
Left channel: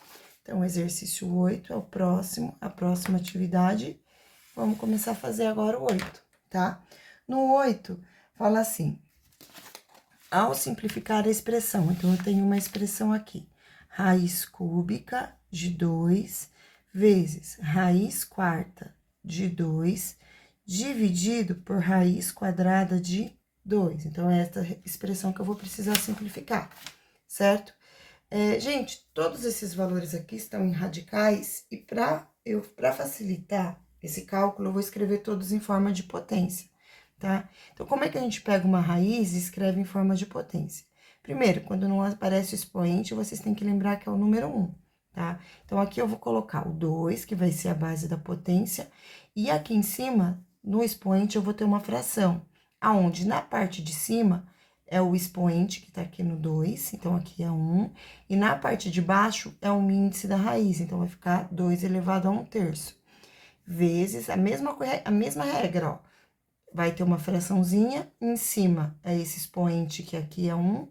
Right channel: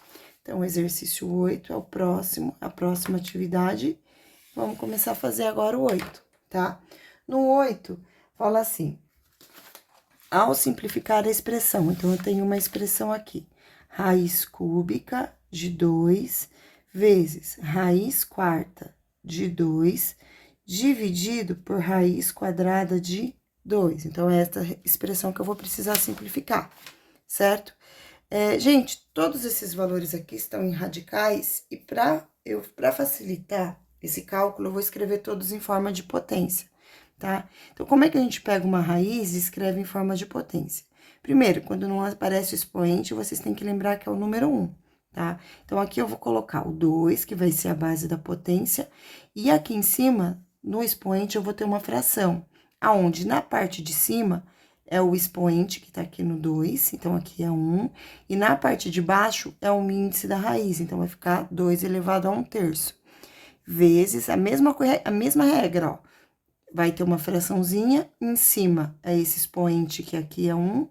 Então, o exercício 8 é o próximo, a próxima atividade. Vamos começar a fazer agora o 8, tá? No 8, fala assim: ao simplificar a expressão, então, eu tenho uma expressão aqui, raiz cúbica de 2 vezes raiz quarta de 2, dividido por raiz quadrada de 2. Então, é esta expressão que eu vou precisar simplificar, certo? Gente, todos esses valores aqui estão em radicais, e para facilitar esse cálculo, eu vou escrever todos em forma de potência, tá? Então, como é que a gente pega uma raiz e escreve em forma de potência? Primeiro, quando não aparece o expoente, vocês têm que lembrar que é o número 1. tá? Então, aqui eu vou colocar o 2, que vai ser a base da potência, e aqui em cima, no expoente, eu vou ter uma fração, aonde na parte de cima é o expoente, que tá aqui no 2, então aqui é 1, e na parte de baixo é o índice da raiz, então vai ficar 2 elevado a 1/3, vezes a mesma regra, ó. Vai ter uma fraçãozinha, em cima é esse expoente, que aqui é 1,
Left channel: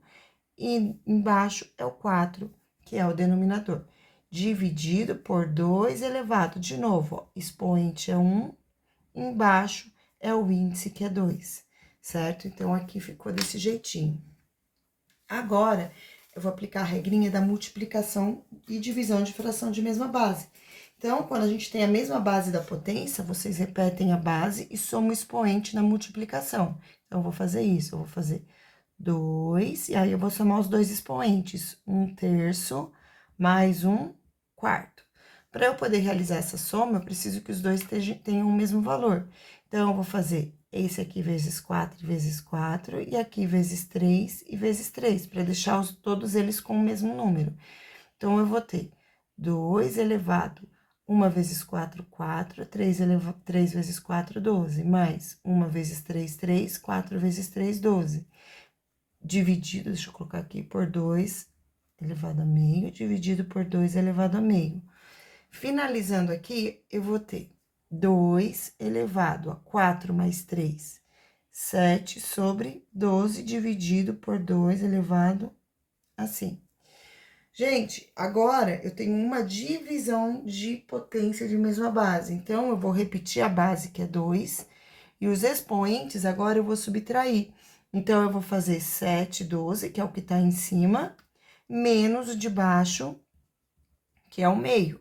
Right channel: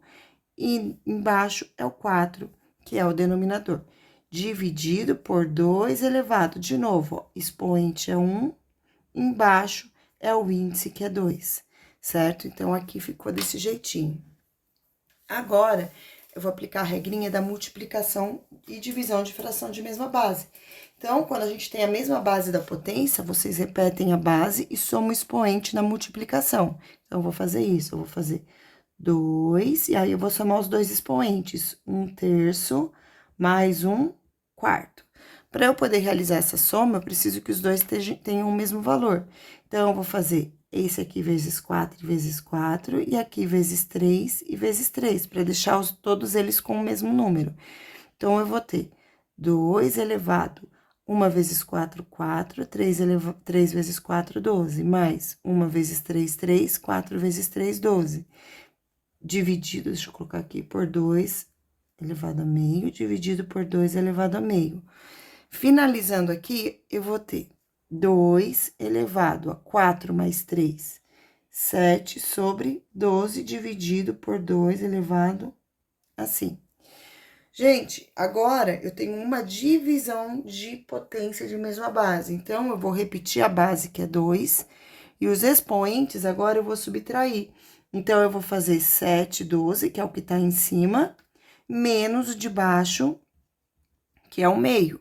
e embaixo é o 4, que é o denominador. Dividido por 2 elevado, de novo, ó, expoente é 1, embaixo é o índice, que é 2, certo? Então, aqui ficou desse jeitinho. Agora, eu vou aplicar a regrinha da multiplicação e divisão de fração de mesma base. Então, quando a gente tem a mesma base da potência, vocês repetem a base e somam o expoente na multiplicação. Então, eu vou fazer isso, eu vou fazer 2, e aí eu vou somar os dois expoentes, 1/3 mais 1/4. Para eu poder realizar essa soma, eu preciso que os dois tenham o mesmo valor. Então, eu vou fazer esse aqui vezes 4 vezes 4, e aqui vezes 3 e vezes 3, para deixar todos eles com o mesmo número. Então, eu vou ter 2 elevado 1 vezes 4, 4, 3 vezes 4, 12, mais 1 vezes 3, 3, 4 vezes 3, 12. Dividido, deixa eu colocar aqui, por 2 elevado a meio, dividido por 2 elevado a meio. Finalizando aqui, eu vou ter 2 elevado a 4 mais 3, 7 sobre 12 dividido por 2 elevado assim. Gente, agora eu tenho uma divisão de potência de mesma base. Então, eu vou repetir a base, que é 2, e os expoentes agora eu vou subtrair. Então, eu vou fazer 7, 12, que é o que tá em cima, menos o de baixo, que é o meio.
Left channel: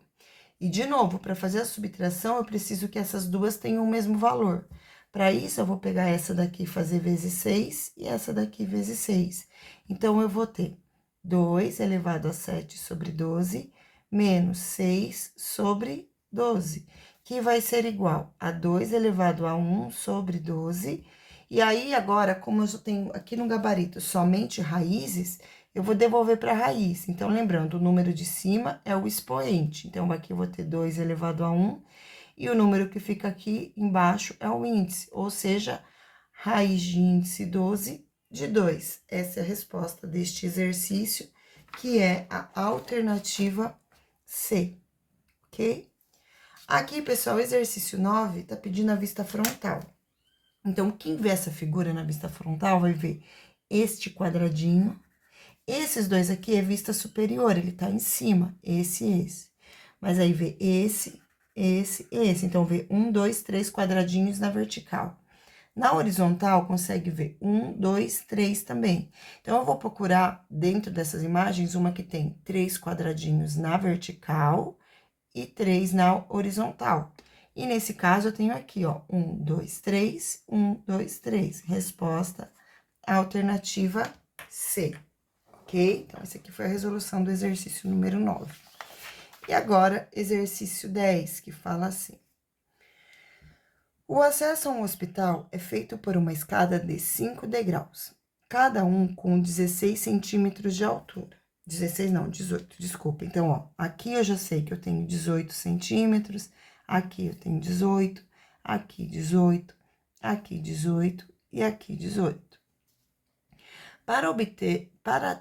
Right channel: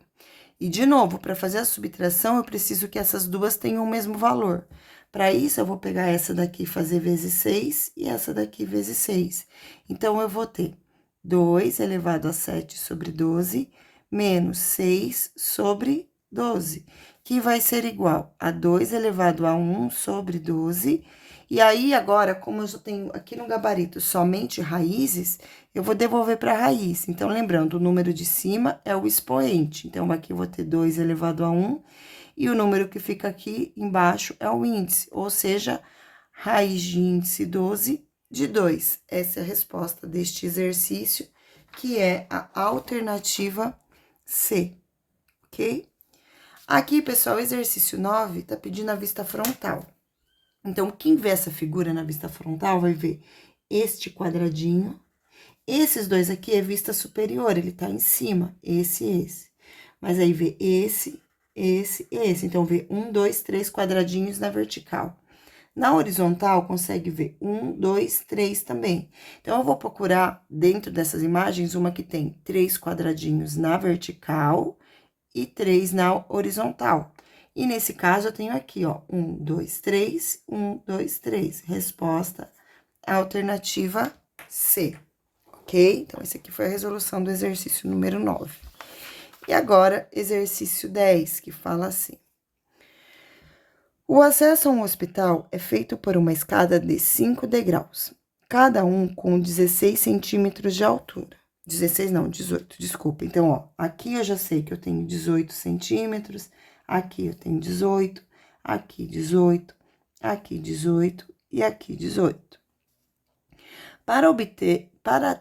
E, de novo, para fazer a subtração, eu preciso que essas duas tenham o mesmo valor. Para isso, eu vou pegar essa daqui e fazer vezes 6, e essa daqui vezes 6. Então, eu vou ter 2 elevado a 7 sobre 12, menos 6 sobre 12, que vai ser igual a 2 elevado a 1 sobre 12. E aí, agora, como eu já tenho aqui no gabarito somente raízes, eu vou devolver para a raiz. Então, lembrando, o número de cima é o expoente. Então, aqui eu vou ter 2 elevado a 1, e o número que fica aqui embaixo é o índice, ou seja, raiz de índice 12 de 2. Essa é a resposta deste exercício, que é a alternativa C, ok? Aqui, pessoal, o exercício 9 tá pedindo a vista frontal. Então, quem vê essa figura na vista frontal vai ver este quadradinho. Esses dois aqui é vista superior, ele tá em cima, esse e esse. Mas aí vê esse, esse e esse. Então, vê 1, 2, 3 quadradinhos na vertical. Na horizontal, consegue ver 1, 2, 3 também. Então, eu vou procurar, dentro dessas imagens, uma que tem 3 quadradinhos na vertical e 3 na horizontal. E nesse caso, eu tenho aqui, ó, 1, 2, 3, 1, 2, 3. Resposta, alternativa C, ok? Então, esse aqui foi a resolução do exercício número 9. E agora, exercício 10, que fala assim. O acesso a um hospital é feito por uma escada de 5 degraus, cada um com 16 centímetros de altura. 16 não, 18, desculpa. Então, ó, aqui eu já sei que eu tenho 18 centímetros, aqui eu tenho 18, aqui 18, aqui 18 e aqui 18. Para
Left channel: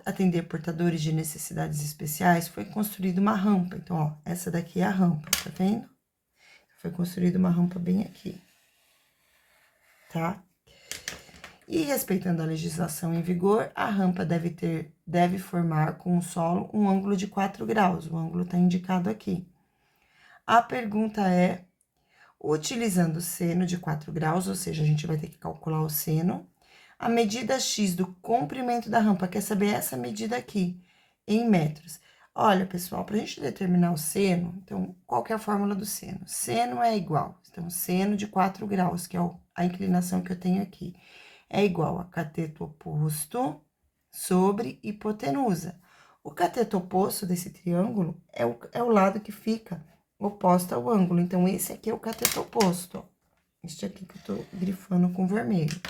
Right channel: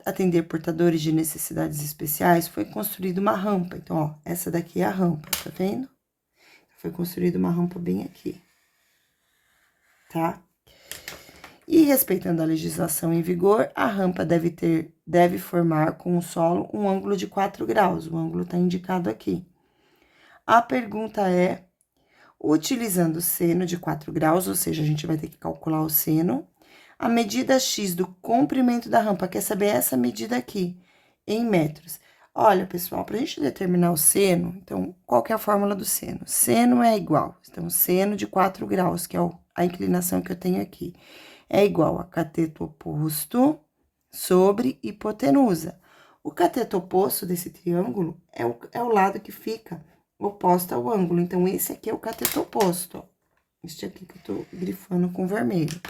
atender portadores de necessidades especiais, foi construída uma rampa. Então, ó, essa daqui é a rampa, tá vendo? Foi construída uma rampa bem aqui, tá? E respeitando a legislação em vigor, a rampa deve formar com o solo um ângulo de 4 graus. O ângulo está indicado aqui. A pergunta é, utilizando o seno de 4 graus, ou seja, a gente vai ter que calcular o seno, a medida X do comprimento da rampa, quer saber essa medida aqui, em metros. Olha, pessoal, para a gente determinar o seno, então, qual que é a fórmula do seno? Seno é igual, então, seno de 4 graus, que é a inclinação que eu tenho aqui, é igual a cateto oposto sobre hipotenusa. O cateto oposto desse triângulo é o lado que fica oposto ao ângulo. Então, esse aqui é o cateto oposto, ó. Este aqui que eu tô grifando com vermelho.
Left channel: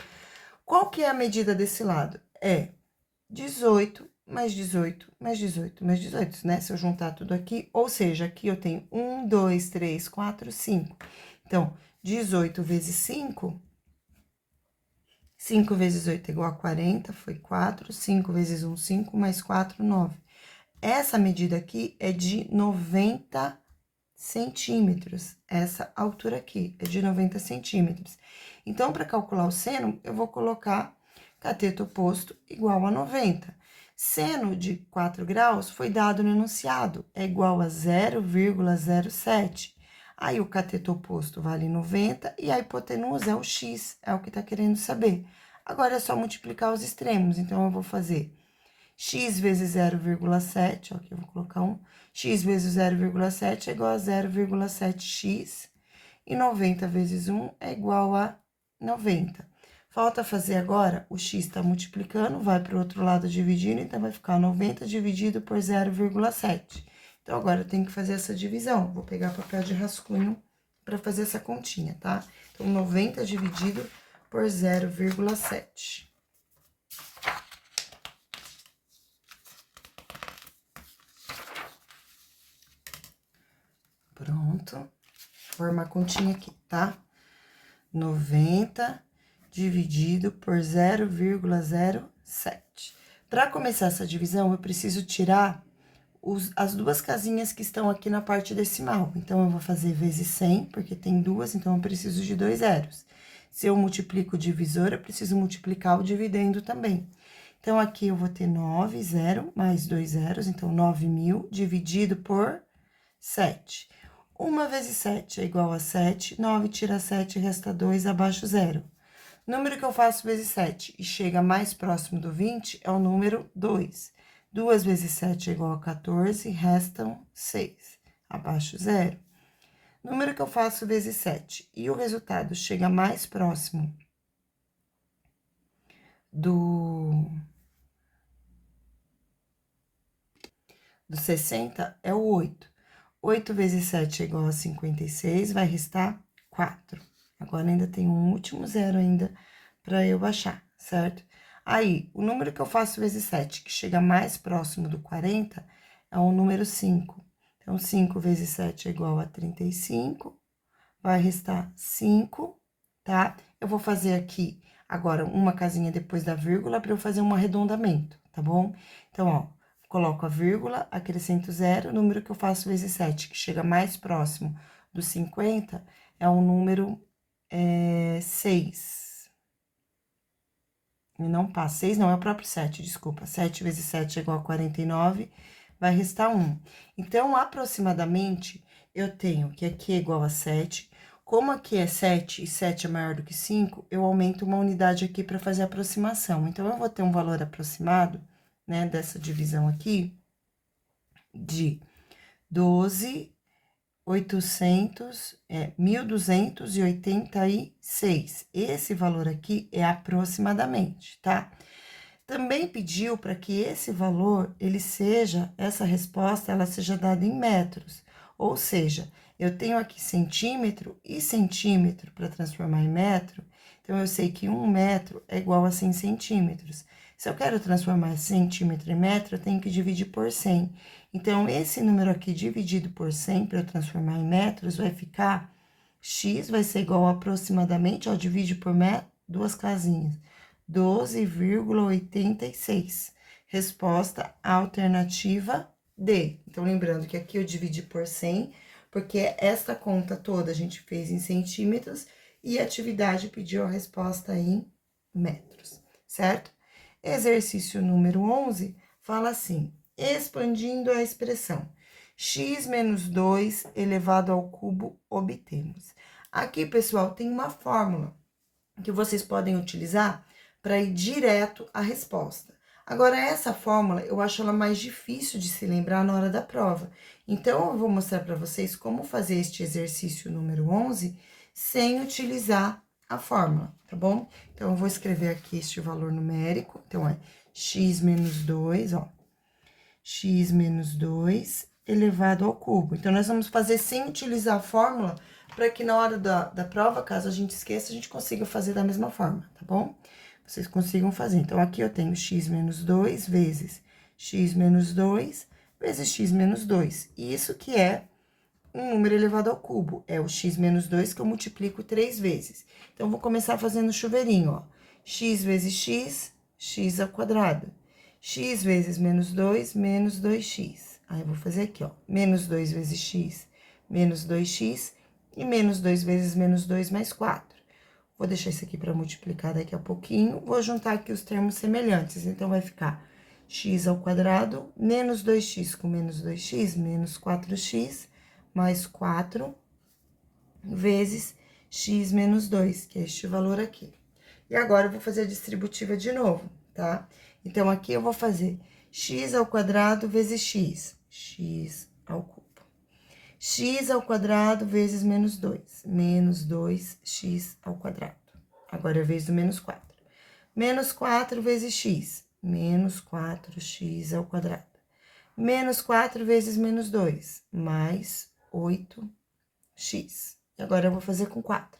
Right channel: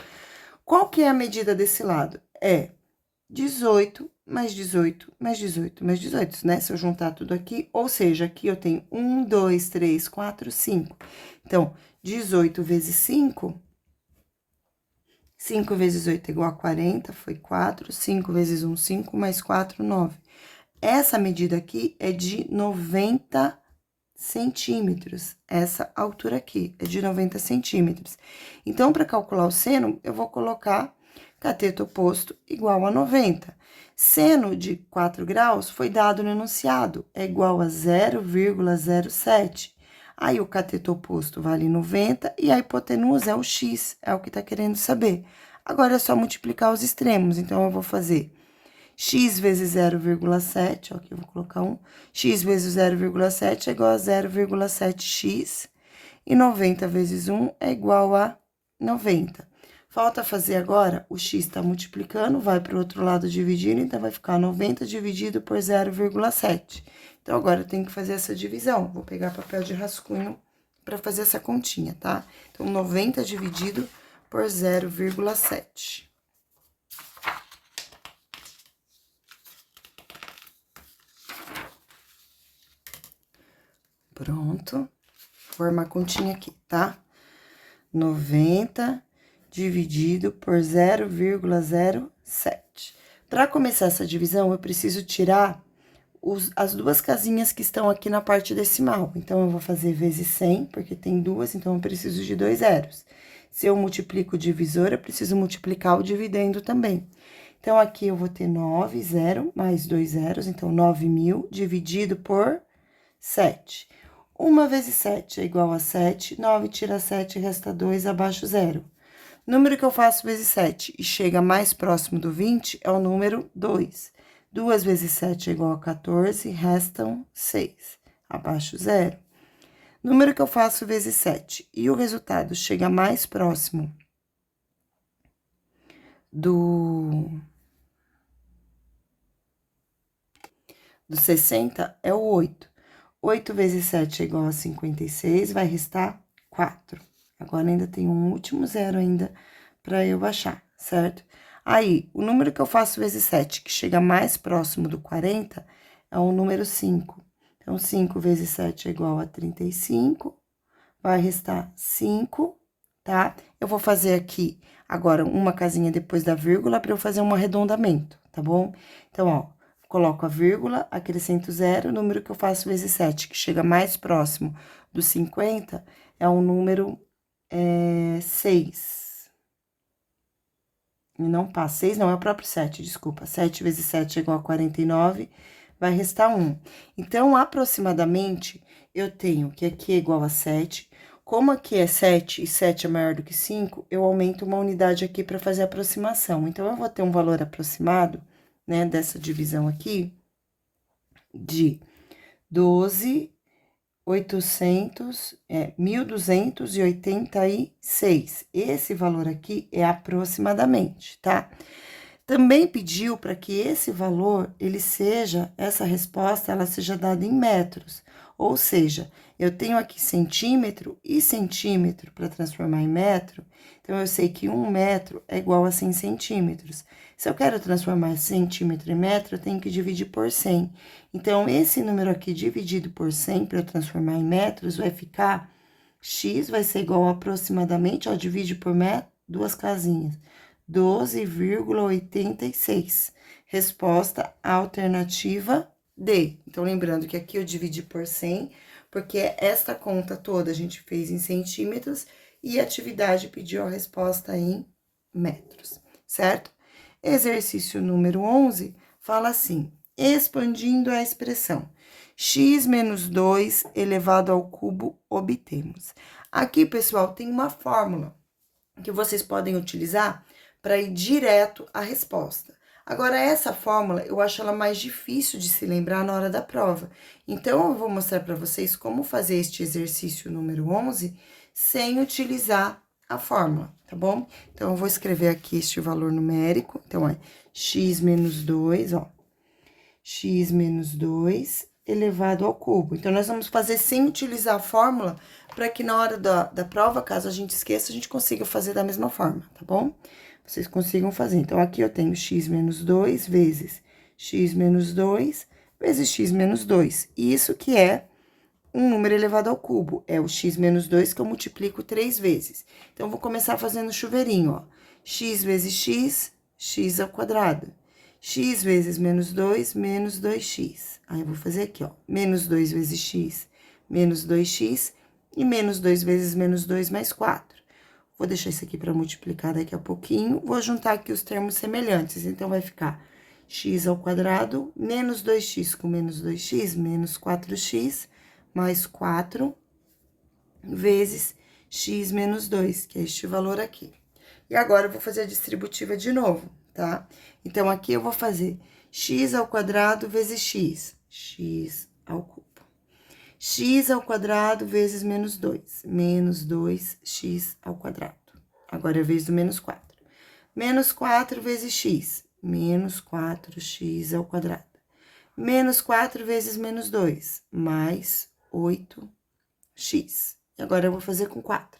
Qual que é a medida desse lado? É 18 mais 18, mais 18, mais 18, né? Se eu juntar tudo aqui, ou seja, aqui eu tenho 1, 2, 3, 4, 5. Então, 18 vezes 5, 5 vezes 8 é igual a 40, foi 4, 5 vezes 1, 5, mais 4, 9. Essa medida aqui é de 90 centímetros, essa altura aqui é de 90 centímetros. Então, para calcular o seno, eu vou colocar cateto oposto igual a 90. Seno de 4 graus foi dado no enunciado, é igual a 0,07. Aí, o cateto oposto vale 90 e a hipotenusa é o x, é o que tá querendo saber. Agora, é só multiplicar os extremos, então, eu vou fazer x vezes 0,7, ó, aqui eu vou colocar 1. X vezes 0,7 é igual a 0,7x. E 90 vezes 1 é igual a 90. Falta fazer agora, o x está multiplicando, vai para o outro lado dividindo, então vai ficar 90 dividido por 0,7. Então, agora eu tenho que fazer essa divisão. Vou pegar papel de rascunho para fazer essa continha, tá? Então, 90 dividido por 0,7. Pronto. Vou formar a continha aqui, tá? 90 dividido por 0,07. Para começar essa divisão, eu preciso tirar as duas casinhas que estão aqui na parte decimal. Então, eu vou fazer vezes 100, porque tem duas, então eu preciso de 2 zeros. Se eu multiplico o divisor, eu preciso multiplicar o dividendo também. Então, aqui eu vou ter 9, 0, mais 2 zeros, então 9.000 dividido por 7. 1 vezes 7 é igual a 7, 9 tira 7, resta 2, abaixo 0. Número que eu faço vezes 7 e chega mais próximo do 20 é o número 2. 2 vezes 7 é igual a 14, restam 6, abaixo 0. Número que eu faço vezes 7 e o resultado chega mais próximo do 60 é o 8. 8 vezes 7 é igual a 56, vai restar 4. Agora, ainda tem um último zero ainda para eu achar, certo? Aí, o número que eu faço vezes 7, que chega mais próximo do 40, é o número 5. Então, 5 vezes 7 é igual a 35, vai restar 5, tá? Eu vou fazer aqui, agora, uma casinha depois da vírgula para eu fazer um arredondamento, tá bom? Então, ó, coloco a vírgula, acrescento 0, o número que eu faço vezes 7, que chega mais próximo do 50, é o número 6. E não passa, 6 não, é o próprio 7, desculpa. 7 vezes 7 é igual a 49, vai restar 1. Então, aproximadamente, eu tenho que aqui é igual a 7. Como aqui é 7 e 7 é maior do que 5, eu aumento uma unidade aqui para fazer a aproximação. Então, eu vou ter um valor aproximado, né, dessa divisão aqui, de 1.286. Esse valor aqui é aproximadamente, tá? Também pediu para que esse valor, essa resposta, ela seja dada em metros. Ou seja, eu tenho aqui centímetro e centímetro para transformar em metro, então eu sei que 1 metro é igual a 100 centímetros. Se eu quero transformar centímetro em metro, eu tenho que dividir por 100. Então, esse número aqui dividido por 100 para eu transformar em metros vai ficar x vai ser igual a aproximadamente, ó, divide por metro, duas casinhas, 12,86. Resposta alternativa D. Então, lembrando que aqui eu dividi por 100, porque esta conta toda a gente fez em centímetros e a atividade pediu a resposta em metros, certo? Exercício número 11 fala assim: expandindo a expressão x menos 2 elevado ao cubo, obtemos. Aqui, pessoal, tem uma fórmula que vocês podem utilizar para ir direto à resposta. Agora, essa fórmula, eu acho ela mais difícil de se lembrar na hora da prova. Então, eu vou mostrar para vocês como fazer este exercício número 11 sem utilizar a fórmula, tá bom? Então, eu vou escrever aqui este valor numérico. Então, é x menos 2, ó. X menos 2 elevado ao cubo. Então, nós vamos fazer sem utilizar a fórmula, para que na hora da prova, caso a gente esqueça, a gente consiga fazer da mesma forma, tá bom? Vocês consigam fazer. Então, aqui eu tenho x menos 2 vezes x menos 2 vezes x menos 2. Isso que é um número elevado ao cubo. É o x menos 2 que eu multiplico 3 vezes. Então, vou começar fazendo chuveirinho, ó. X vezes x, x ao quadrado. X vezes menos 2, menos 2x. Aí, eu vou fazer aqui, ó. Menos 2 vezes x, menos 2x. E menos 2 vezes menos 2 mais 4. Vou deixar isso aqui para multiplicar daqui a pouquinho. Vou juntar aqui os termos semelhantes. Então, vai ficar x ao quadrado, menos 2x com menos 2x, menos 4x, mais 4, vezes x menos 2, que é este valor aqui. E agora, eu vou fazer a distributiva de novo, tá? Então, aqui eu vou fazer x ao quadrado vezes x ao cubo. X ao quadrado vezes menos 2, menos 2x ao quadrado. Agora, é a vez do menos 4. Menos 4 vezes x, menos 4x ao quadrado. Menos 4 vezes menos 2, mais 8x. E agora, eu vou fazer com 4.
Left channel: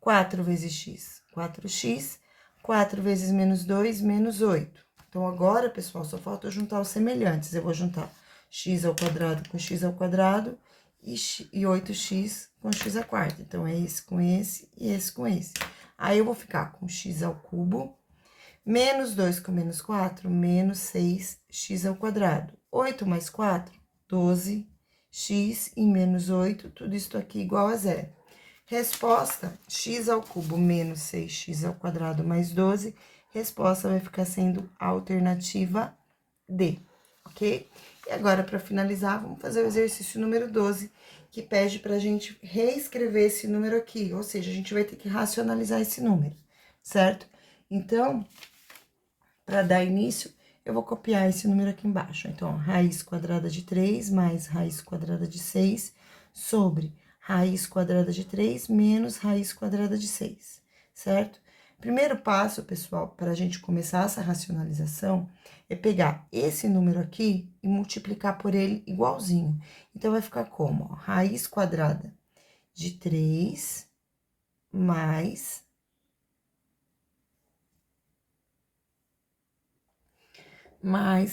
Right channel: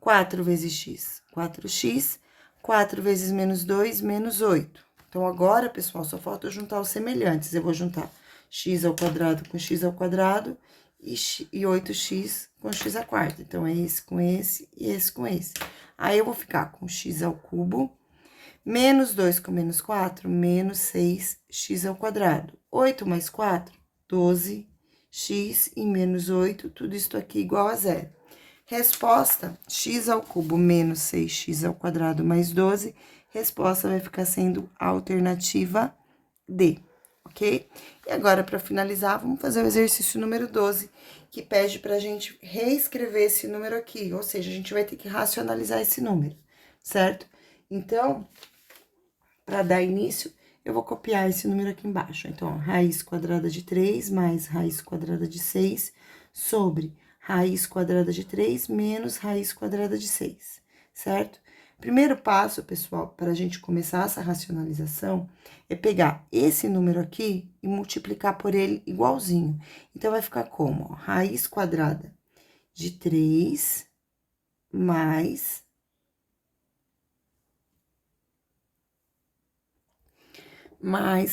4 vezes x, 4x. 4 vezes menos 2, menos 8. Então, agora, pessoal, só falta eu juntar os semelhantes. Eu vou juntar x ao quadrado com x ao quadrado e 8x com x à quarta. Então, é esse com esse e esse com esse. Aí, eu vou ficar com x ao cubo, menos 2 com menos 4, menos 6x ao quadrado. 8 mais 4, 12x e menos 8, tudo isso aqui igual a zero. Resposta, x ao cubo menos 6x ao quadrado mais 12, resposta vai ficar sendo a alternativa D, ok? E agora, para finalizar, vamos fazer o exercício número 12, que pede para a gente reescrever esse número aqui, ou seja, a gente vai ter que racionalizar esse número, certo? Então, para dar início, eu vou copiar esse número aqui embaixo. Então, ó, raiz quadrada de 3 mais raiz quadrada de 6 sobre raiz quadrada de 3 menos raiz quadrada de 6, certo? Primeiro passo, pessoal, para a gente começar essa racionalização, é pegar esse número aqui e multiplicar por ele igualzinho. Então, vai ficar como? Ó, raiz quadrada de 3 mais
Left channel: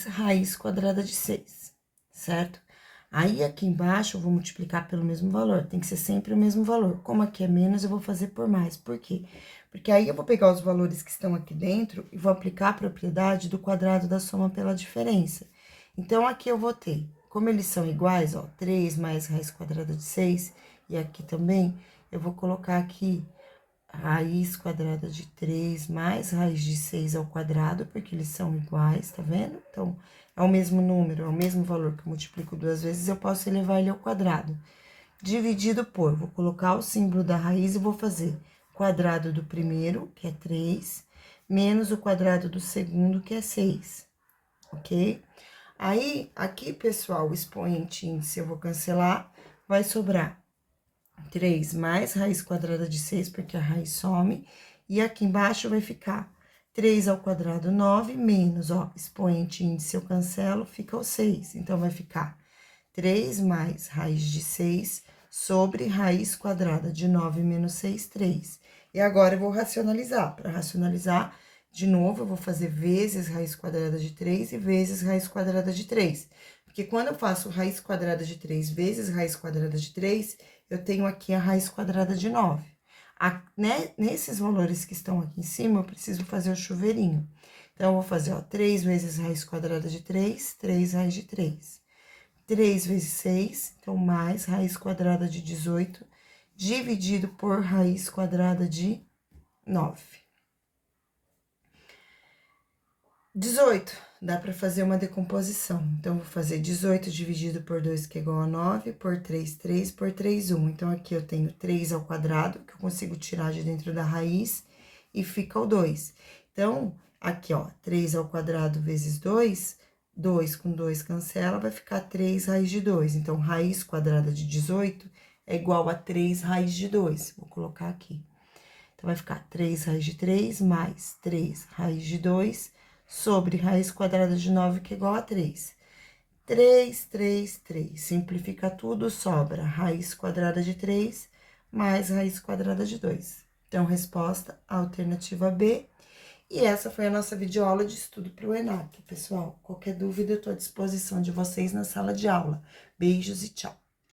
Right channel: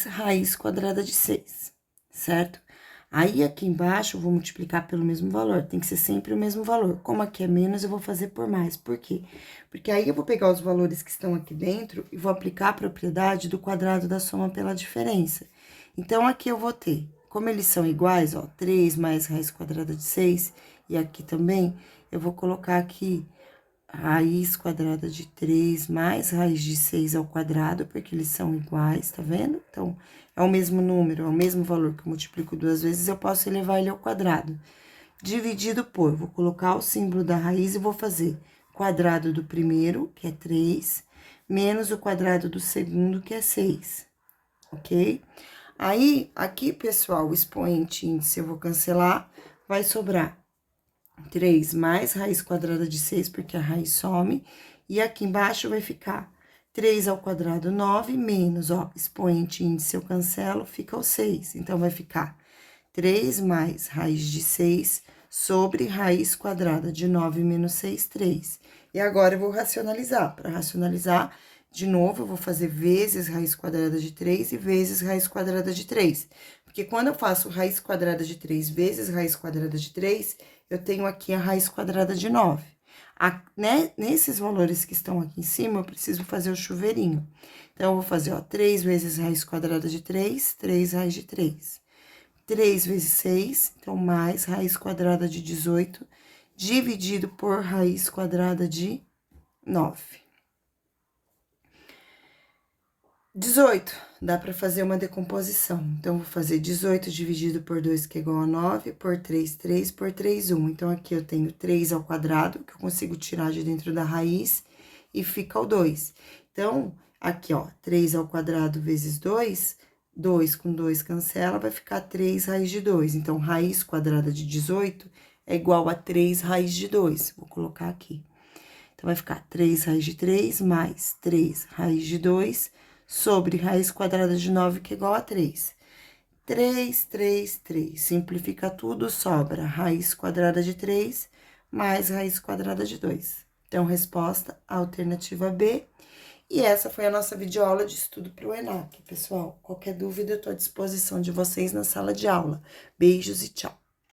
raiz quadrada de 6, certo? Aí, aqui embaixo, eu vou multiplicar pelo mesmo valor, tem que ser sempre o mesmo valor. Como aqui é menos, eu vou fazer por mais. Por quê? Porque aí, eu vou pegar os valores que estão aqui dentro e vou aplicar a propriedade do quadrado da soma pela diferença. Então, aqui eu vou ter, como eles são iguais, ó, 3 mais raiz quadrada de 6, e aqui também, eu vou colocar aqui raiz quadrada de 3 mais raiz de 6 ao quadrado, porque eles são iguais, tá vendo? Então, é o mesmo número, é o mesmo valor que eu multiplico 2 vezes, eu posso elevar ele ao quadrado. Dividido por, vou colocar o símbolo da raiz e vou fazer quadrado do primeiro, que é 3, menos o quadrado do segundo, que é 6, ok? Aí, aqui, pessoal, o expoente índice eu vou cancelar, vai sobrar 3 mais raiz quadrada de 6, porque a raiz some. E aqui embaixo vai ficar 3 ao quadrado, 9, menos, ó, expoente índice eu cancelo, fica o 6. Então, vai ficar 3 mais raiz de 6 sobre raiz quadrada de 9 menos 6, 3. E agora, eu vou racionalizar. Para racionalizar, de novo, eu vou fazer vezes raiz quadrada de 3 e vezes raiz quadrada de 3. Porque quando eu faço raiz quadrada de 3 vezes raiz quadrada de 3, eu tenho aqui a raiz quadrada de 9. Né, nesses valores que estão aqui em cima, eu preciso fazer o chuveirinho. Então, eu vou fazer, ó, 3 vezes raiz quadrada de 3, 3 raiz de 3. 3 vezes 6, então, mais raiz quadrada de 18, dividido por raiz quadrada de 9. 18, dá para fazer uma decomposição. Então, vou fazer 18 dividido por 2, que é igual a 9, por 3, 3, por 3, 1. Então, aqui eu tenho 3 ao quadrado, que eu consigo tirar de dentro da raiz, e fica o 2. Então, aqui, ó, 3 ao quadrado vezes 2, 2 com 2 cancela, vai ficar 3 raiz de 2. Então, raiz quadrada de 18 é igual a 3 raiz de 2. Vou colocar aqui. Então, vai ficar 3 raiz de 3 mais 3 raiz de 2 sobre raiz quadrada de 9, que é igual a 3. 3, 3, 3. Simplifica tudo, sobra raiz quadrada de 3 mais raiz quadrada de 2. Então, resposta, alternativa B. E essa foi a nossa videoaula de estudo para o ENAC, pessoal. Qualquer dúvida, eu estou à disposição de vocês na sala de aula. Beijos e tchau!